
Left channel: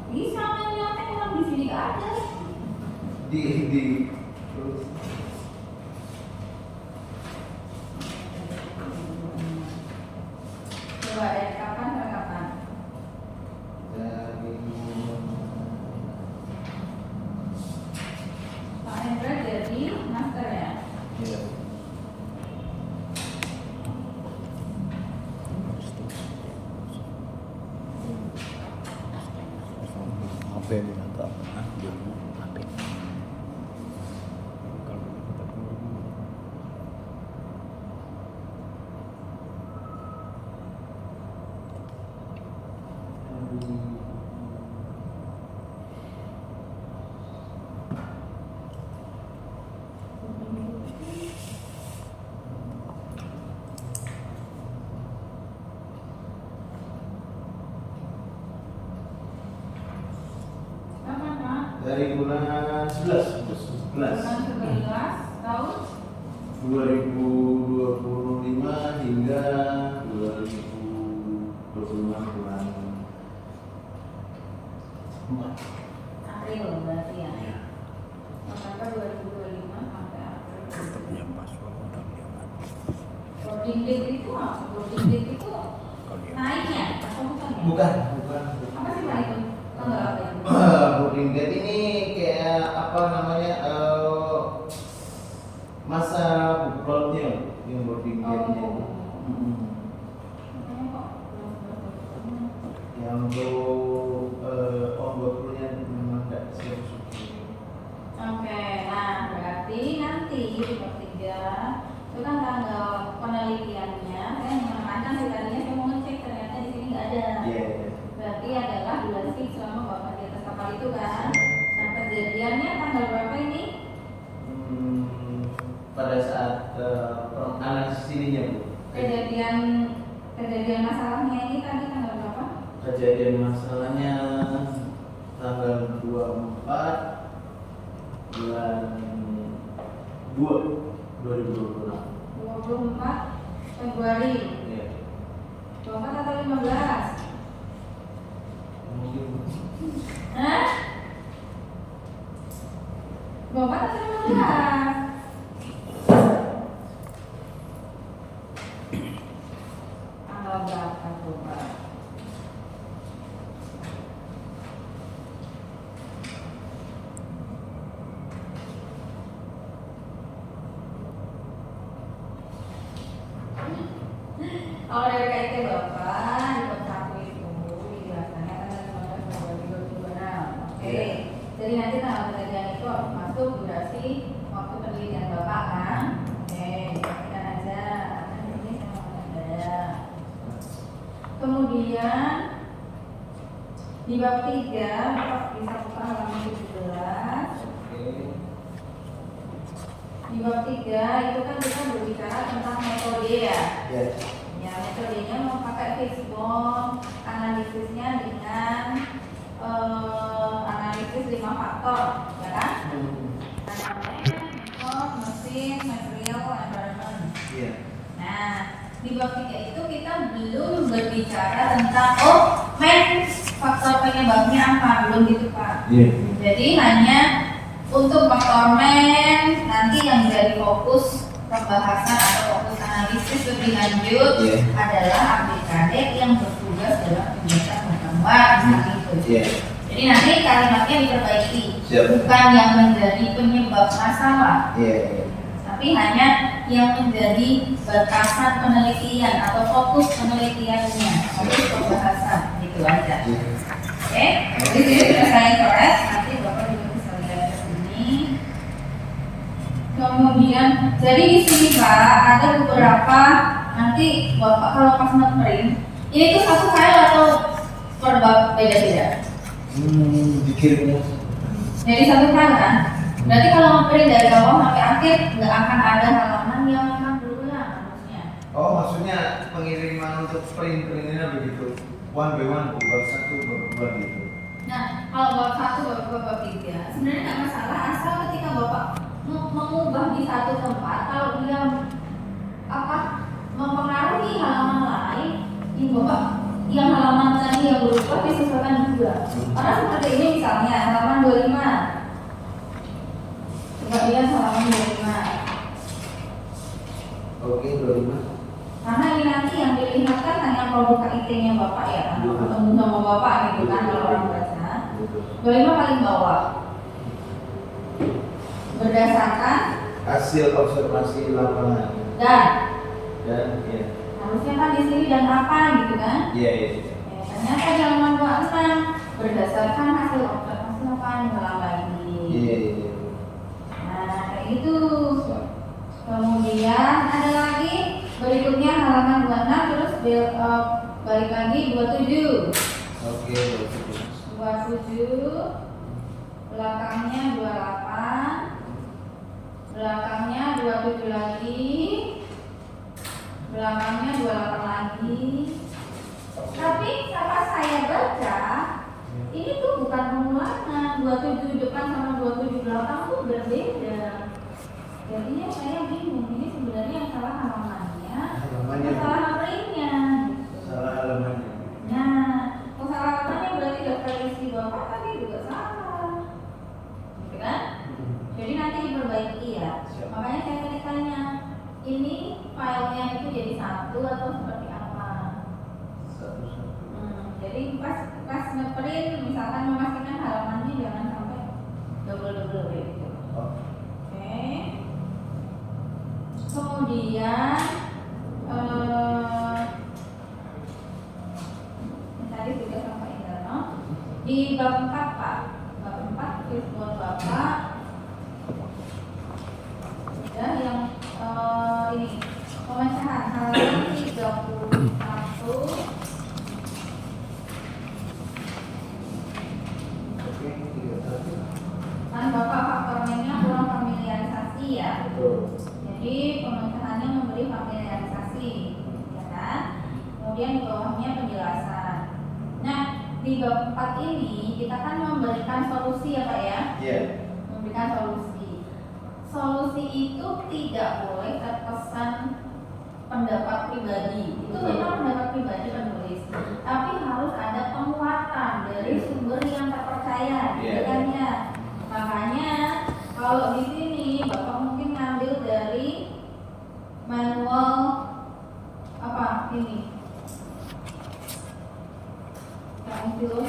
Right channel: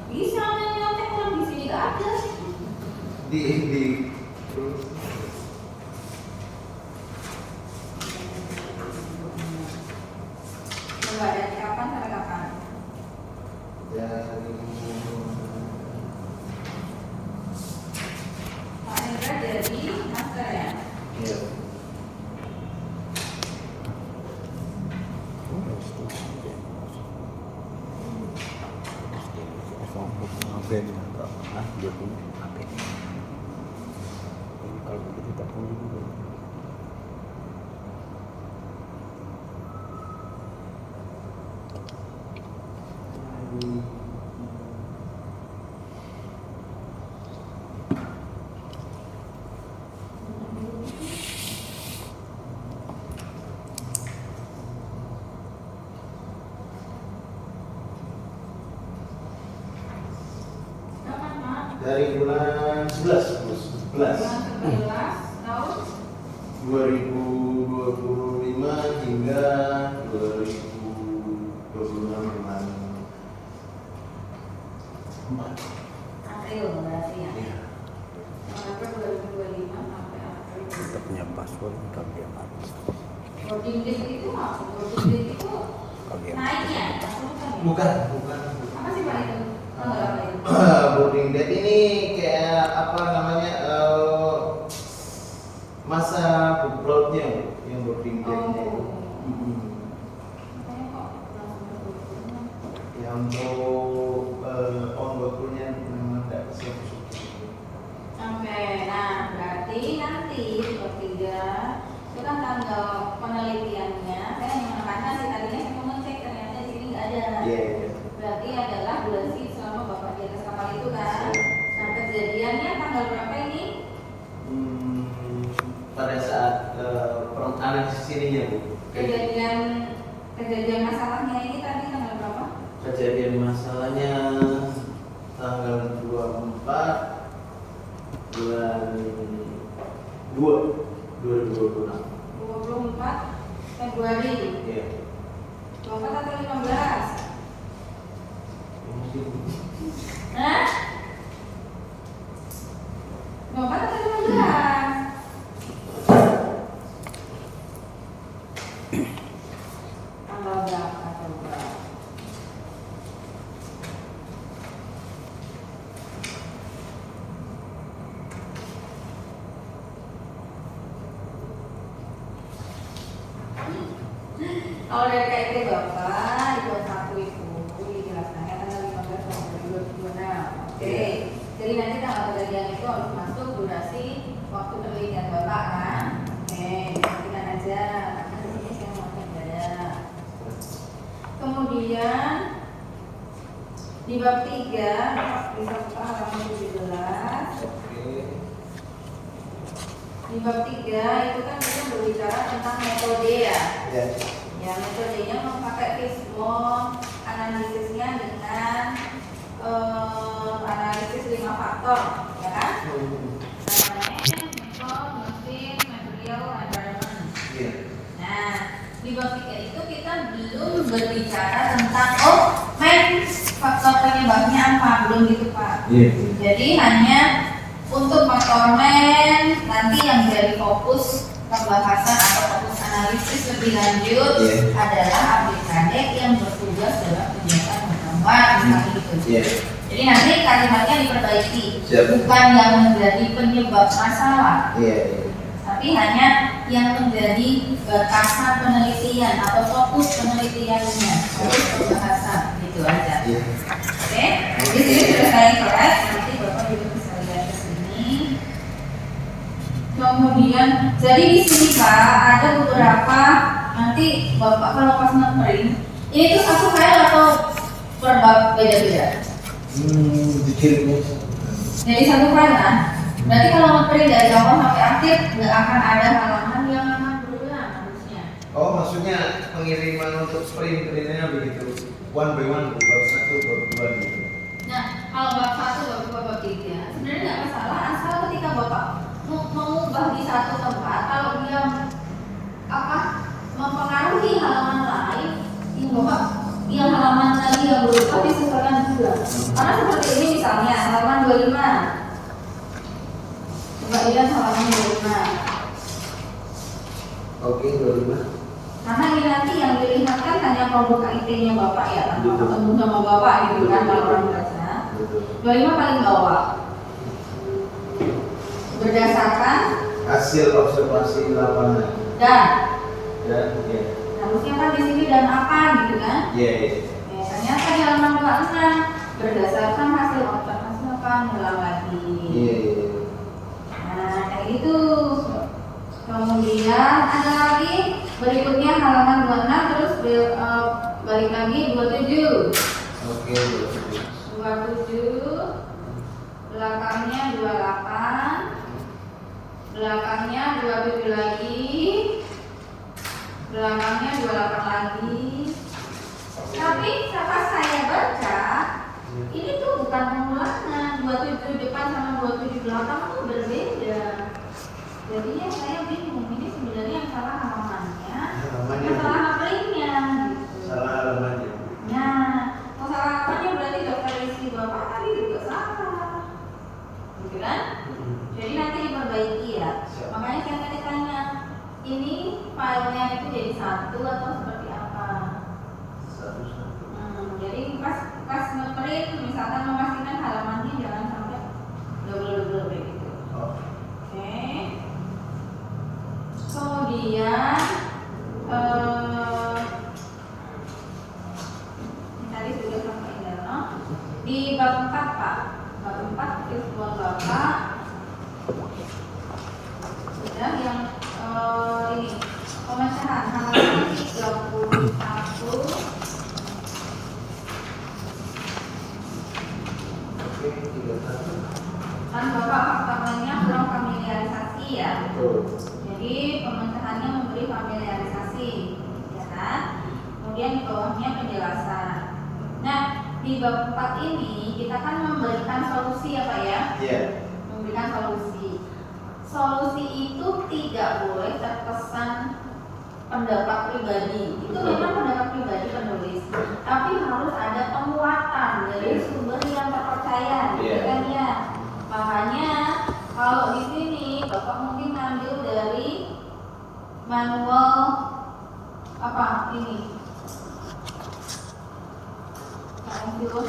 Bisa nyontek yang di sini nggak ada. di Coba dari kapan sampai kapan? dari Pak Endra jadi master ya. Iya. HP dengan berapa? 20 HP. Kalau begitu kita tunggu dulu. Kapan Pak? Dari bulan 11 Bulan 11 tahun 2025 hingga 2026 bulan 4. April berarti ya. Iya. November 2025 sampai April boarding date itu apa? Boarding date itu naiknya atau bukan ya? Bukan. Apa sih Pak itu? Enggak apa itu? Boarding date ini kayak apa namanya masa buku lautnya yang boarding date-nya itu. Makanya kok langsung begitu. Ya untuk on-board crew-nya memang tidak siap syuting. Oke, nah berarti nanti di bab 3 itu kan tanggal penelitiannya. Saya hanya menekankan sih tadinya saya mau ngecek ternyata di sini nggak ada. Iya. Berarti adalah durasi selama bapak di atas kapal itu kan. Nah kejadiannya tanggal berapa ini? Pada saat analisis ininya Bu. Kejadian masalahnya ini tadi tanggal berapa? Kejadian masalahnya tanggal 24 bulan 2 2026. 24 Februari. Iya. 24 atau 15? Mungkin Hah? 24 atau 15? Tanggal berapa coba? Kalau dari KIT Bapak di bab 1 itu dijelaskan tanggal 15 Februari 2026. Oke. Jadi nanti tanggal kejadian itu harus masuk durasi waktu penelitian Bapak kan? Oke, kita aja. Karena di sini saya mau beda. Kemudian di bab 3 Bapak bisa buka halaman 17. Di bab 3 itu kan kita berbicara tentang metode ya. ya. Ya, metodenya memakai fishbone, analisisnya dengan analisis 5 faktor, ya kan? Environment, people, mesin, material, environment. Iya. Nah, di bab 3 itu kita belum berbicara tentang faktor penyebabnya apa, belum gitu Pak. Iya. Jadi hanya untuk faktor men nanti yang jadi fokus pembahasan atau fokus analisis lebih lanjut adalah aplikasi yang bertugas dalam kegiatan menggambar misalnya gitu. Jadi nanti kalimatnya diperbaiki, bukan yang menjadi penyebab masalah, tapi hanya yang menjadi batasan penelitian atau fokus penelitiannya, fokus pembahasan gitu aja. Oke, jadi sudah saya coret, nanti Bapak juga bisa lihat ke sini. Kemudian, jadi di sini Pak ada beberapa nanti Bapak kalau pas nge-print, ini tuh satu file atau per bab beda-beda? Dikirimnya. Jadi satu file kan? Berarti kalau nge-print dari awal sampai akhir nggak akan ada halaman yang akan berulang harusnya. Oh, maksudnya pengiriman untuk sprint-printnya begitu. One by one, bab 1, bab 2 gitu. Nah, kalau bab 1, bab 2, bab 3 sebenarnya nggak masalah asal ketika Bapak mengubah di satu tempat, kalau dia mempengaruhi halaman lain, yang halaman tadi yang berubah disesuaikan juga. Karena seperti ini misalnya halaman 25. Coba lihat halaman 25. Oke, 25. Karena ini nanti yang dilihatkan hanya produk KIT-nya Bapak ya, atau ketemu sama Bapak gitu kan kalau orang baca. 25 paling bawah. Berdasarkan Hasil observasi lapangan dan ya. harusnya kan di sini dan apa gitu kan? Iya. Ya, ternyata di halaman 26 berdasarkan hasil observasi lapangan ngulang lagi. Iya. Nah, kayak gitu. Kemudian ada lagi berikutnya halaman 26 terus balik lagi 27. Oke, 27 belakangnya 28, belakangnya 27 lagi, belakangnya 28 lagi. Tapi pas saya baca ini tuh bukan pengulangan, 27 depan sama 27 belakang tuh berbeda. Jadinya saya bingung, ini sebenarnya yang salah halamannya, salah printnya gitu. Salah halamannya. Nah, kalau salah halamannya berarti daftar isi Bapak tadi juga salah, gitu kan? Jadi nanti diperbaiki ya. Makanya saya tadi tanya, ini filenya itu jadi satu atau seperti apa? Satu-satu. Jadi pas ngeprint misalkan memastikan halamannya jangan sampai double kayak gitu. Oke. Kemudian ini tadi sudah sampai dalam di bab 4 Pak. Bab 4 tujuan Bapak sudah yang ini pemecahan halaman 31. Oke, 31. Kan Bapak faktornya kurang familiarisasi ya. Betul. Jadi pemecahannya memberi familiarisasi, ya kan? Kemudian di bawahnya penjelasan. Nah, di bab 4 ini kita kan memberikan solusi ya Pak ya? Iya. Memberikan solusi. Solusi itu tidak boleh terkesan pendapat pribadi. Itu Betul. memang pendapat pribadi penulis. Tapi harus ada penguatan dari sumber yang terpercaya, Iya. gitu kan ya? Makanya kalau di sini Bapak mungkin ngambil dari manual apa ini?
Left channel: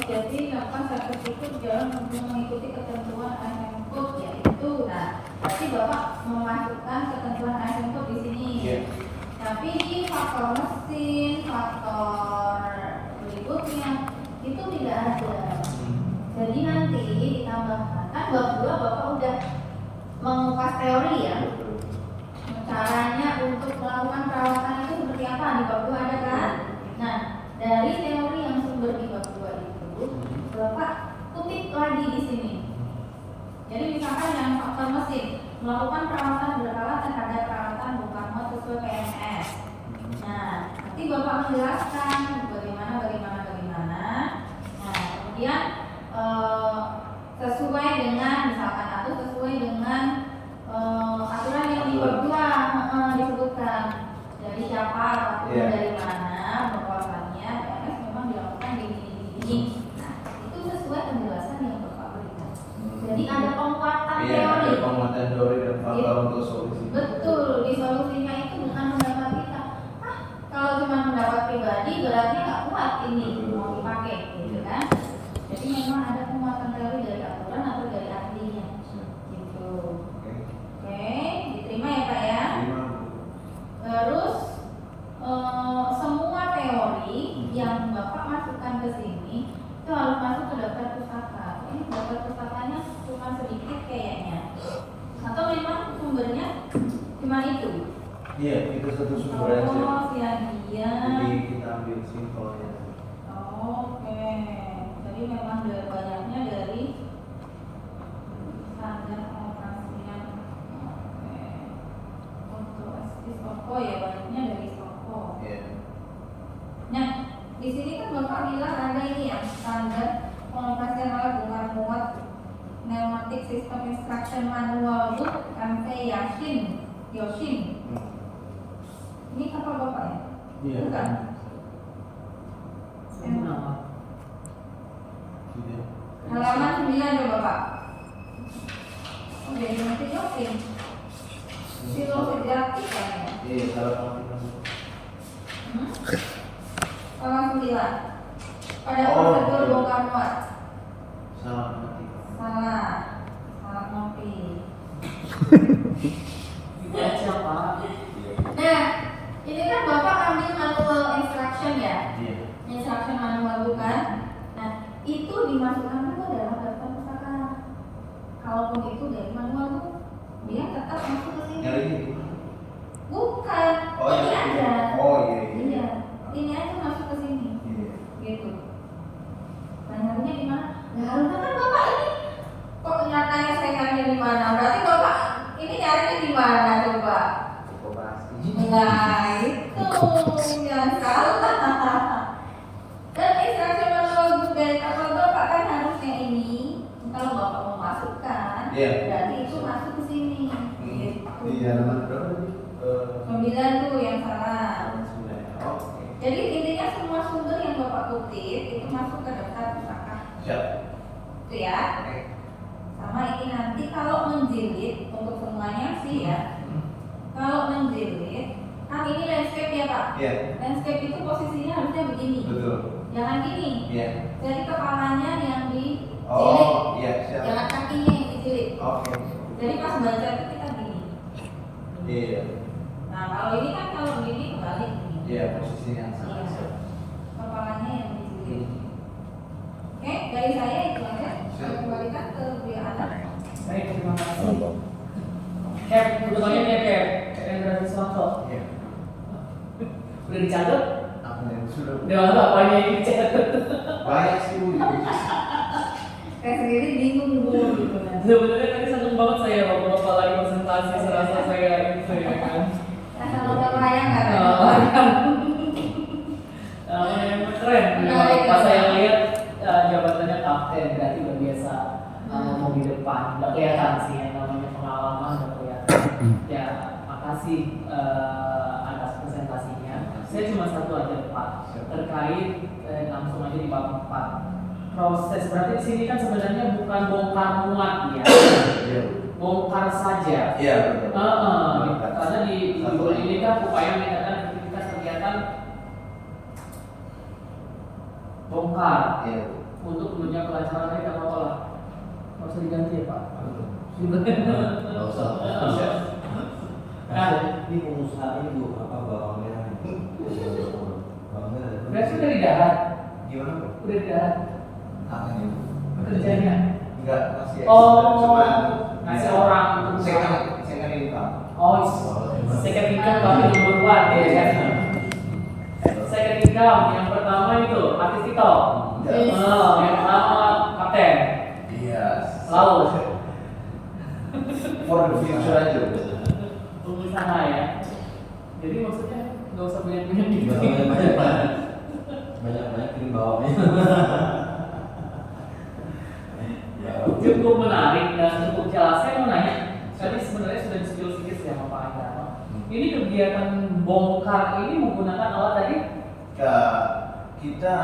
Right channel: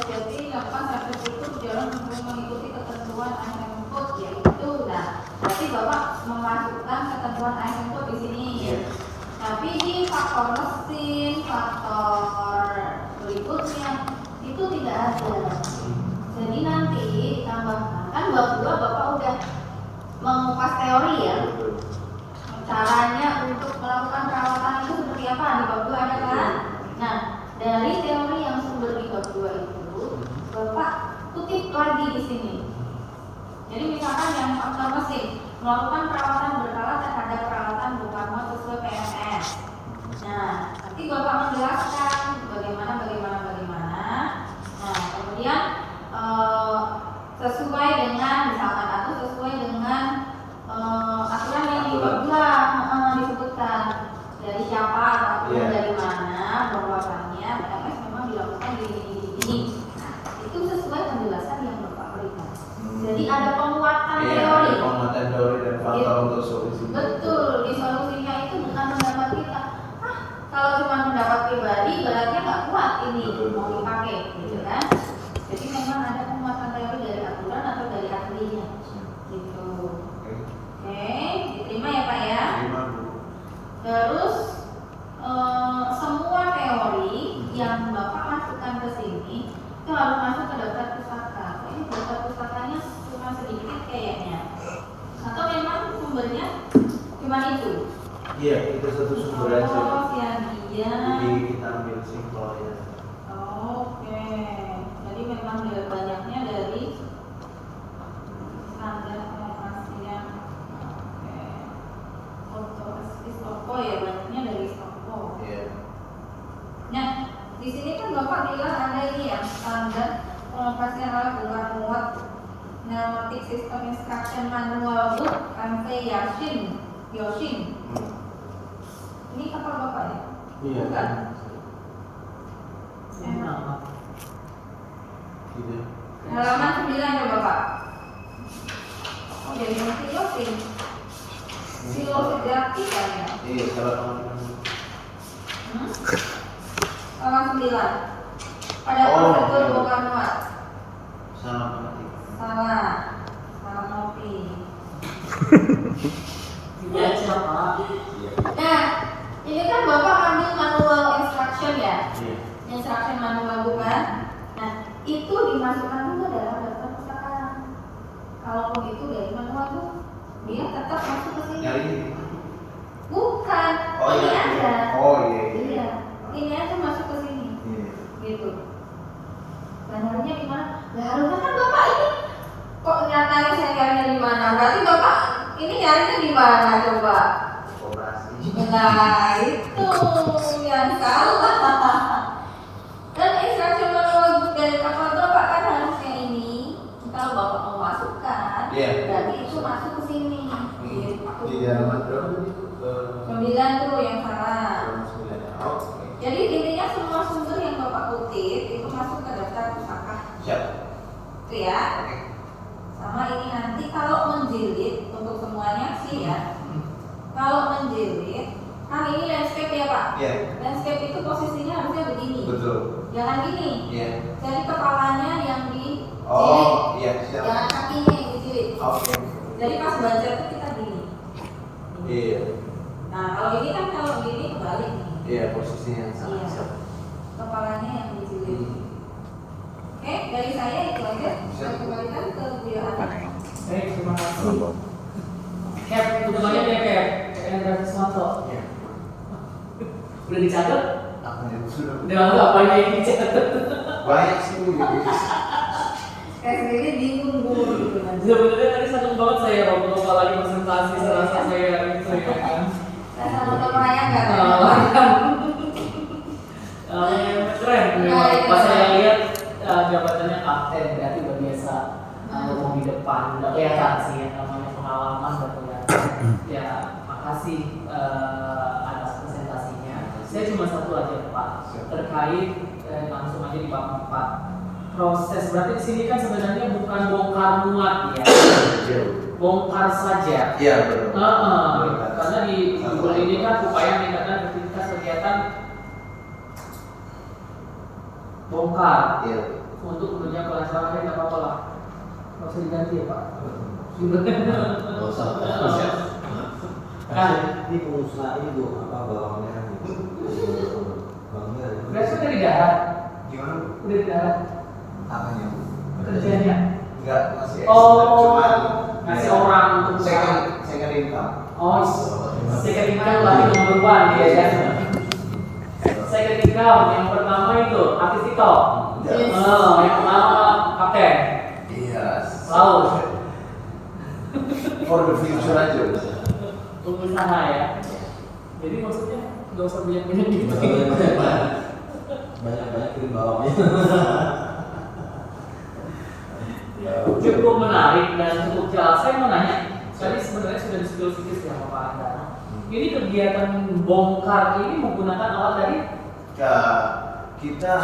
Jadi lakukan sampai tutup jangan mengikuti ketentuan ASM Code yaitu. Nah, berarti Bapak memasukkan ketentuan ASM Code di sini. Iya. Tapi di faktor mesin, faktor berikutnya itu tidak ada. Jadi nanti ditambahkan kan bab 2 Bapak udah mengupas teori ya. Betul. Caranya untuk melakukan perawatan itu seperti apa di bab 2 ada kan? Nah, dari teori yang sumber di bab 2 itu Bapak kutip lagi di sini. Jadi misalkan yang faktor mesin melakukan perawatan berkala terhadap peralatan bongkar muat sesuai PMS. Nah, nanti Bapak menjelaskan bagaimana. Nah, kemudian sesuai dengan misalkan atau sesuai dengan aturan yang di bab 2 disebutkan dari siapa ataupun Iya. dari mana bahwasannya PMS memang dilakukan di ini. Nah, itu sesuai penjelasan yang Bapak berikan. Jadi ada penguatan Iya, teori. ada penguatan teori dan faktor Iya. untuk solusi. Betul, di solusinya itu bukan pendapat kita. Kalau cuma pendapat pribadi berarti nggak kuat ini Betul. mau dipakai, gitu kan? Jadi memang ada penguatan teori dari aturan atau dari ahlinya, gitu. Oke, diterima ya Pak ya. Terima, Bu. Terus semua teori yang Bapak masukkan ke sini itu harus masuk ke daftar pustaka. Ini daftar pustakanya cuma sedikit kayaknya. Atau memang sumbernya cuma itu? Iya, itu satu sumber aja. Oh, dia. Jadi kita ambil simpelnya. Oke. Jadi memang banyaknya dari standar pengoperasian. Oke. Stoko ya, banyaknya dari Stoko. Iya. Nah, di sini kan Bapak bilang ada ini ya standar pengoperasian alat bongkar muat pneumatic system instruction manual book MV Yoshin. Ini kapal Bapak ya? Iya. Bukan. Gitu. Halaman 9 ya Bapak. Oh, dari MV Yoshin. Silo sejati kan ya? Iya, salah pengertian. Halaman 9. Pada Oh, prosedur iya. bongkar muat. Salah pengertian. Salah ngopi. Tidak aja Pak. Nah, ini kan Bapak ambil manual instruction ya? Iya. Instruction manual bukan? Nah, itu dimasukkan juga dalam daftar pustaka. Kalau begitu dari manual itu, dia tetap masuk ke sini. Nyari ini. Bukan, Oh ini iya. aja. Oh iya. Iya, ini aja masuk ke sini. Iya. Gitu. Bandarnya di mana? Nah, harusnya kan Bapak ini kok nyatanya saya nyarinya di mana? Berarti Bapak ini nyarinya di mana coba? Operasi. Nah, itu yang salah. Dan instruksi manual book dari kapal Bapak kan harusnya ini. Kalau Bapak mau masukkan, Iya. berarti itu masuk ke sini. Gitu. Di halaman berapa tadi? 9 tuh yang salah. Halaman 9. Oke. Jadi intinya semua sumber yang Bapak kutip itu masuk ke daftar pustaka. Siap. Itu ya. Sama ini nanti kalau menjilid untuk semuanya sih ya. Kalau menjilid, kan ini landscape ya Pak. Iya. Landscape itu posisinya harusnya begini. Betul. Jangan gini. Iya. Jadi kepalanya yang dijilid. Oh, iya, siap. Jangan kakinya yang dijilid. Oke. Jadi pas baca itu kita gini. Iya. Nah, kalau ini kan kalau gini kebalik nih. Iya, posisinya yang sama. Iya. Siap. Kepalanya yang dijilid. Hmm. Oke, dari saya itu aja. Siap. Saya kembalikan ke Buya Ana. Baik, terima Salam kasih. Bob. Cap, udah banyak ya Cap. Endra Susanto. Iya. Udah dicatat? Apa yang sudah Udah nggak banyak yang dicatat. banyak sih Bu. Saya sendiri bingung Bu gitu kan. Sebenarnya tadi seneng banget saya waktu Bapak lagi presentasi serasa saya kan. Saya sama-sama melayangkan. Keren. Menarik, Pas ya. saya lihat jabatannya kapten berarti udah biasa ngomong di depan. Udah kelihatan sih yang namanya pengalaman udah kelihatan. Ya makasih atas presentasinya. Saya cuma satu aja Pak terkait langsung aja di bab 4. Proses berarti di sini kan sebenarnya bukan bongkar muat ya, bongkar saja. Iya, betul. Karena di judul ini kan upaya meningkatkan efektivitas kegiatan bongkar Iya. untuk menunjang kelancaran tidak apa-apa lah. Nggak usah diganti ya Pak. Nggak usah. Siap. Nah, Ini pengusaha itu apa bawang merah? Bawang merah. berarti udah di darat, Gimana Bu? udah di darat Apanya Bu? kerjanya. Enggak, masih Oh, cuman ngasih orang untuk second income. Oh, second income lagi nomor one ya kan. Second income yang pertama itu artis TikTok. Yes. Oh, yang pertama kapten Iya. laut, For the future aja. pengusaha ya. Jadi maksudnya nggak usah banyak-banyak gitu. Banyak tim bawangnya. Ya. Cukup menarik dan cukup jelas. Saya mau nanya, tadi sebenarnya sudah di-spill sedikit ya sama Pak Indra. Ini kegiatan bongkar ini menggunakan alat tadi? Kita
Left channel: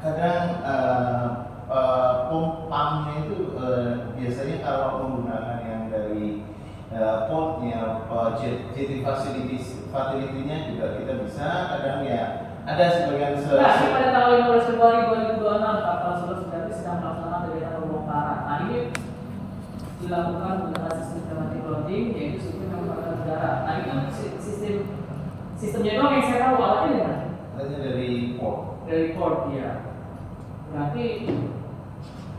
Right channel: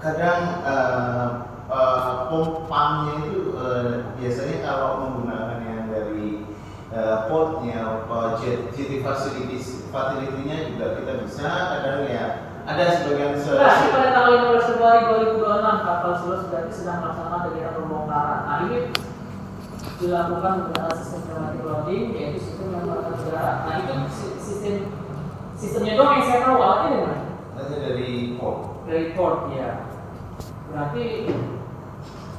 kadang pompanya itu biasanya kalau menggunakan yang dari portnya, JT facility-nya juga kita bisa. Kadang ya ada sebagian Nah, pada tanggal 15 Februari 2026 kapal Sulas berarti sedang melaksanakan kegiatan pembongkaran. Nah, ini dilakukan menggunakan sistem pneumatic loading, yaitu sistem yang menggunakan udara. Nah, itu sistemnya doang yang saya tahu, alatnya dari mana? Alatnya dari port. Dari port, ya. Berarti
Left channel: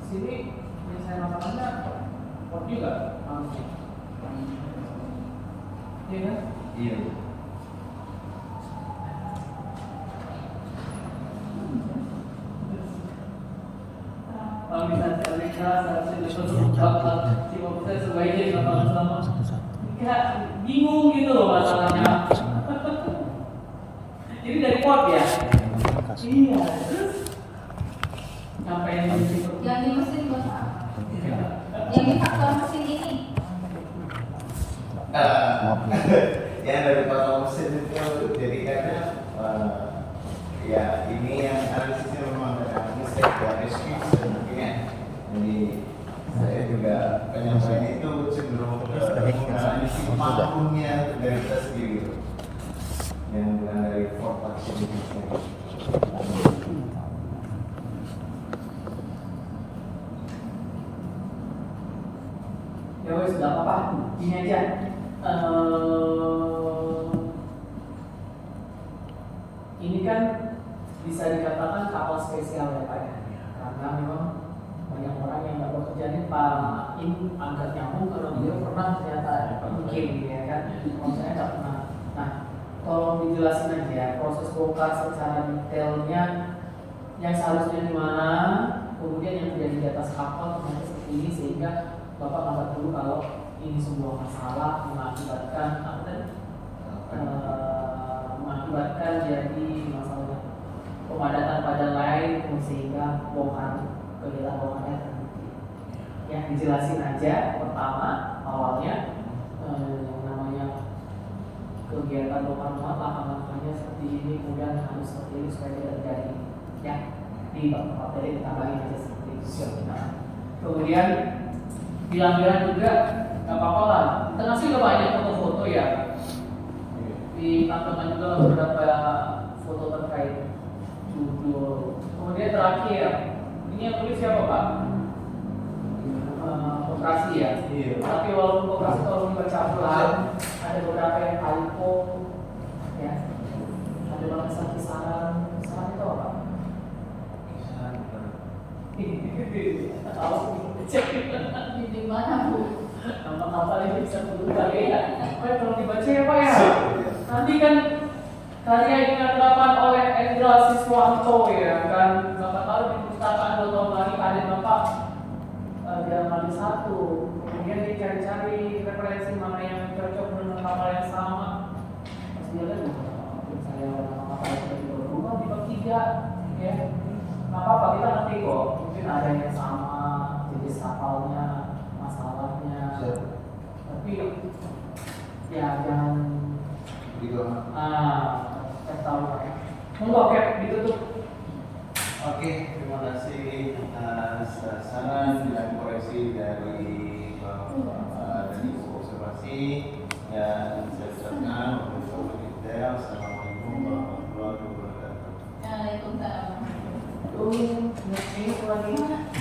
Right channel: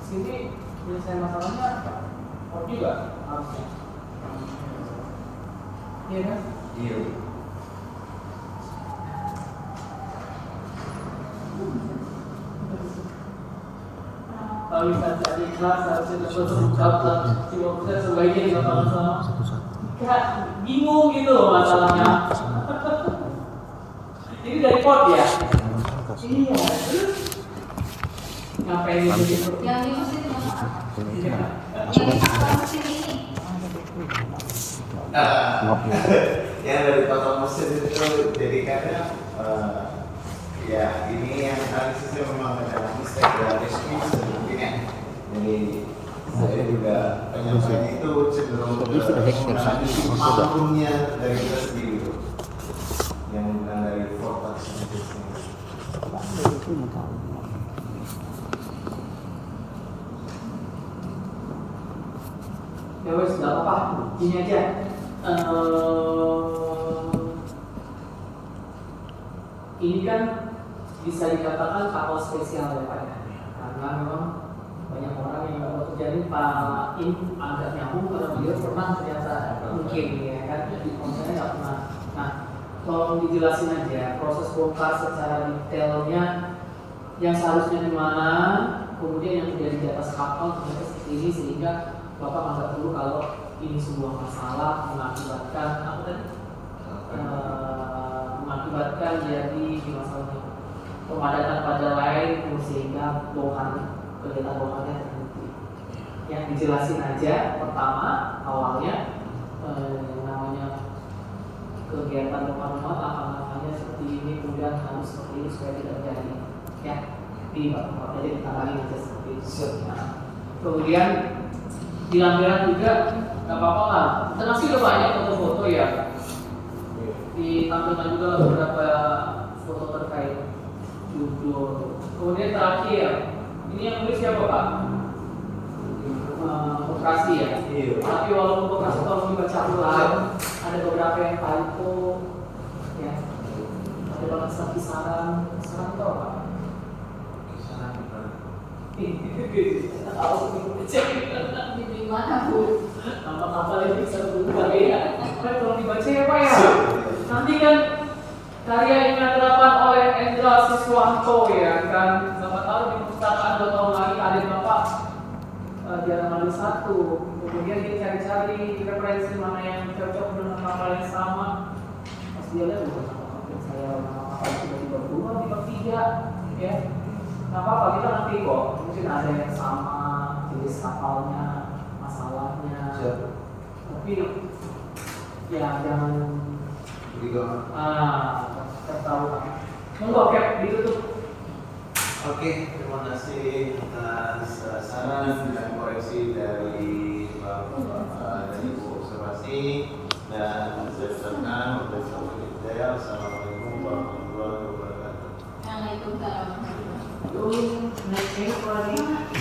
sini penyelesaian masalahnya port juga harusnya. Iya kan? Iya. Organisasi Amerika seharusnya dapat lengkap lah 50% sebaiknya dilakukan sama. Kayak bingung gitu loh masalahnya. Ini dari port ya? Iya. Terus ngapain ini? Yang di mesin Bapak. Iya. Yang di faktor mesin ini. Yang dari total mesin itu jadi kadang ya ini yang analisisnya memang ada mistake dan excuse dan mungkin ya. Jadi saya juga penyampaiannya itu cenderung ke menggunakan mampunya dari kita sendiri yang bukan dari forecast sendiri. Ya wes, nggak apa-apa. Gini aja. Ini kan bisa dikatakan kapal spesial ya Pak ya, karena memang banyak orang yang nggak bekerja ini Pak In agak nyambung karena dia pernah ternyata mungkin ya kan, kalau saya nggak pernah. Nah, tolong dijelasin aja proses bongkar secara detailnya yang seharusnya di mana, kemudian yang terjadi di atas kapal ternyata seperti ini sehingga Bapak anggap dulu kalau ini sebuah masalah mengakibatkan apa tadi? Mengakibatkan jadi masalahnya pemadatan pada lain sehingga bongkar kegiatan bongkarnya terbukti. Ya dijelasin aja pertama awalnya namanya kegiatan bongkar muat langkah-langkahnya seperti ini kemudian harus seperti ini supaya tidak terjadi ya di bawah jadi ditambahin aja seperti itu. Nah, kemudian di lampiran juga nggak apa-apa lah. Kita kasih banyak foto-foto ya. Ditampilkan juga beberapa mundur. Kemudian terakhir, ini yang tulis siapa Pak? Koperasi ya. Iya. Tapi walaupun koperasi kalau dibaca ulang, ada beberapa yang typo, ya. Ada bahasa kisaran itu apa? Tahu cek Di mana Bu? nama kapal ini bisa berubah ya. Kalau dibaca ya Pak ya. Nanti kan karya ini dilakukan oleh Endra Siswanto ya kan. Siapa tahu di perpustakaan 2 tahun lagi kadir Bapak jarang ambil satu. Kemudian dia cari-cari referensi mana yang cocok dengan kapal yang sama. Pas dia lihat saya kapal itu di bawah 2, di bawah 3 ya. Nggak apa-apa, kita ngerti kok. Mungkin ada yang sama jenis kapalnya, masalahnya. Tapi ya jangan tertawa. Monggo Cap ditutup. Oke, terima kasih atas saran dan koreksi dari Bapak dan Ibu observasi, dan saya ucapkan Assalamualaikum warahmatullahi wabarakatuh. Waalaikumsalam. Next lagi.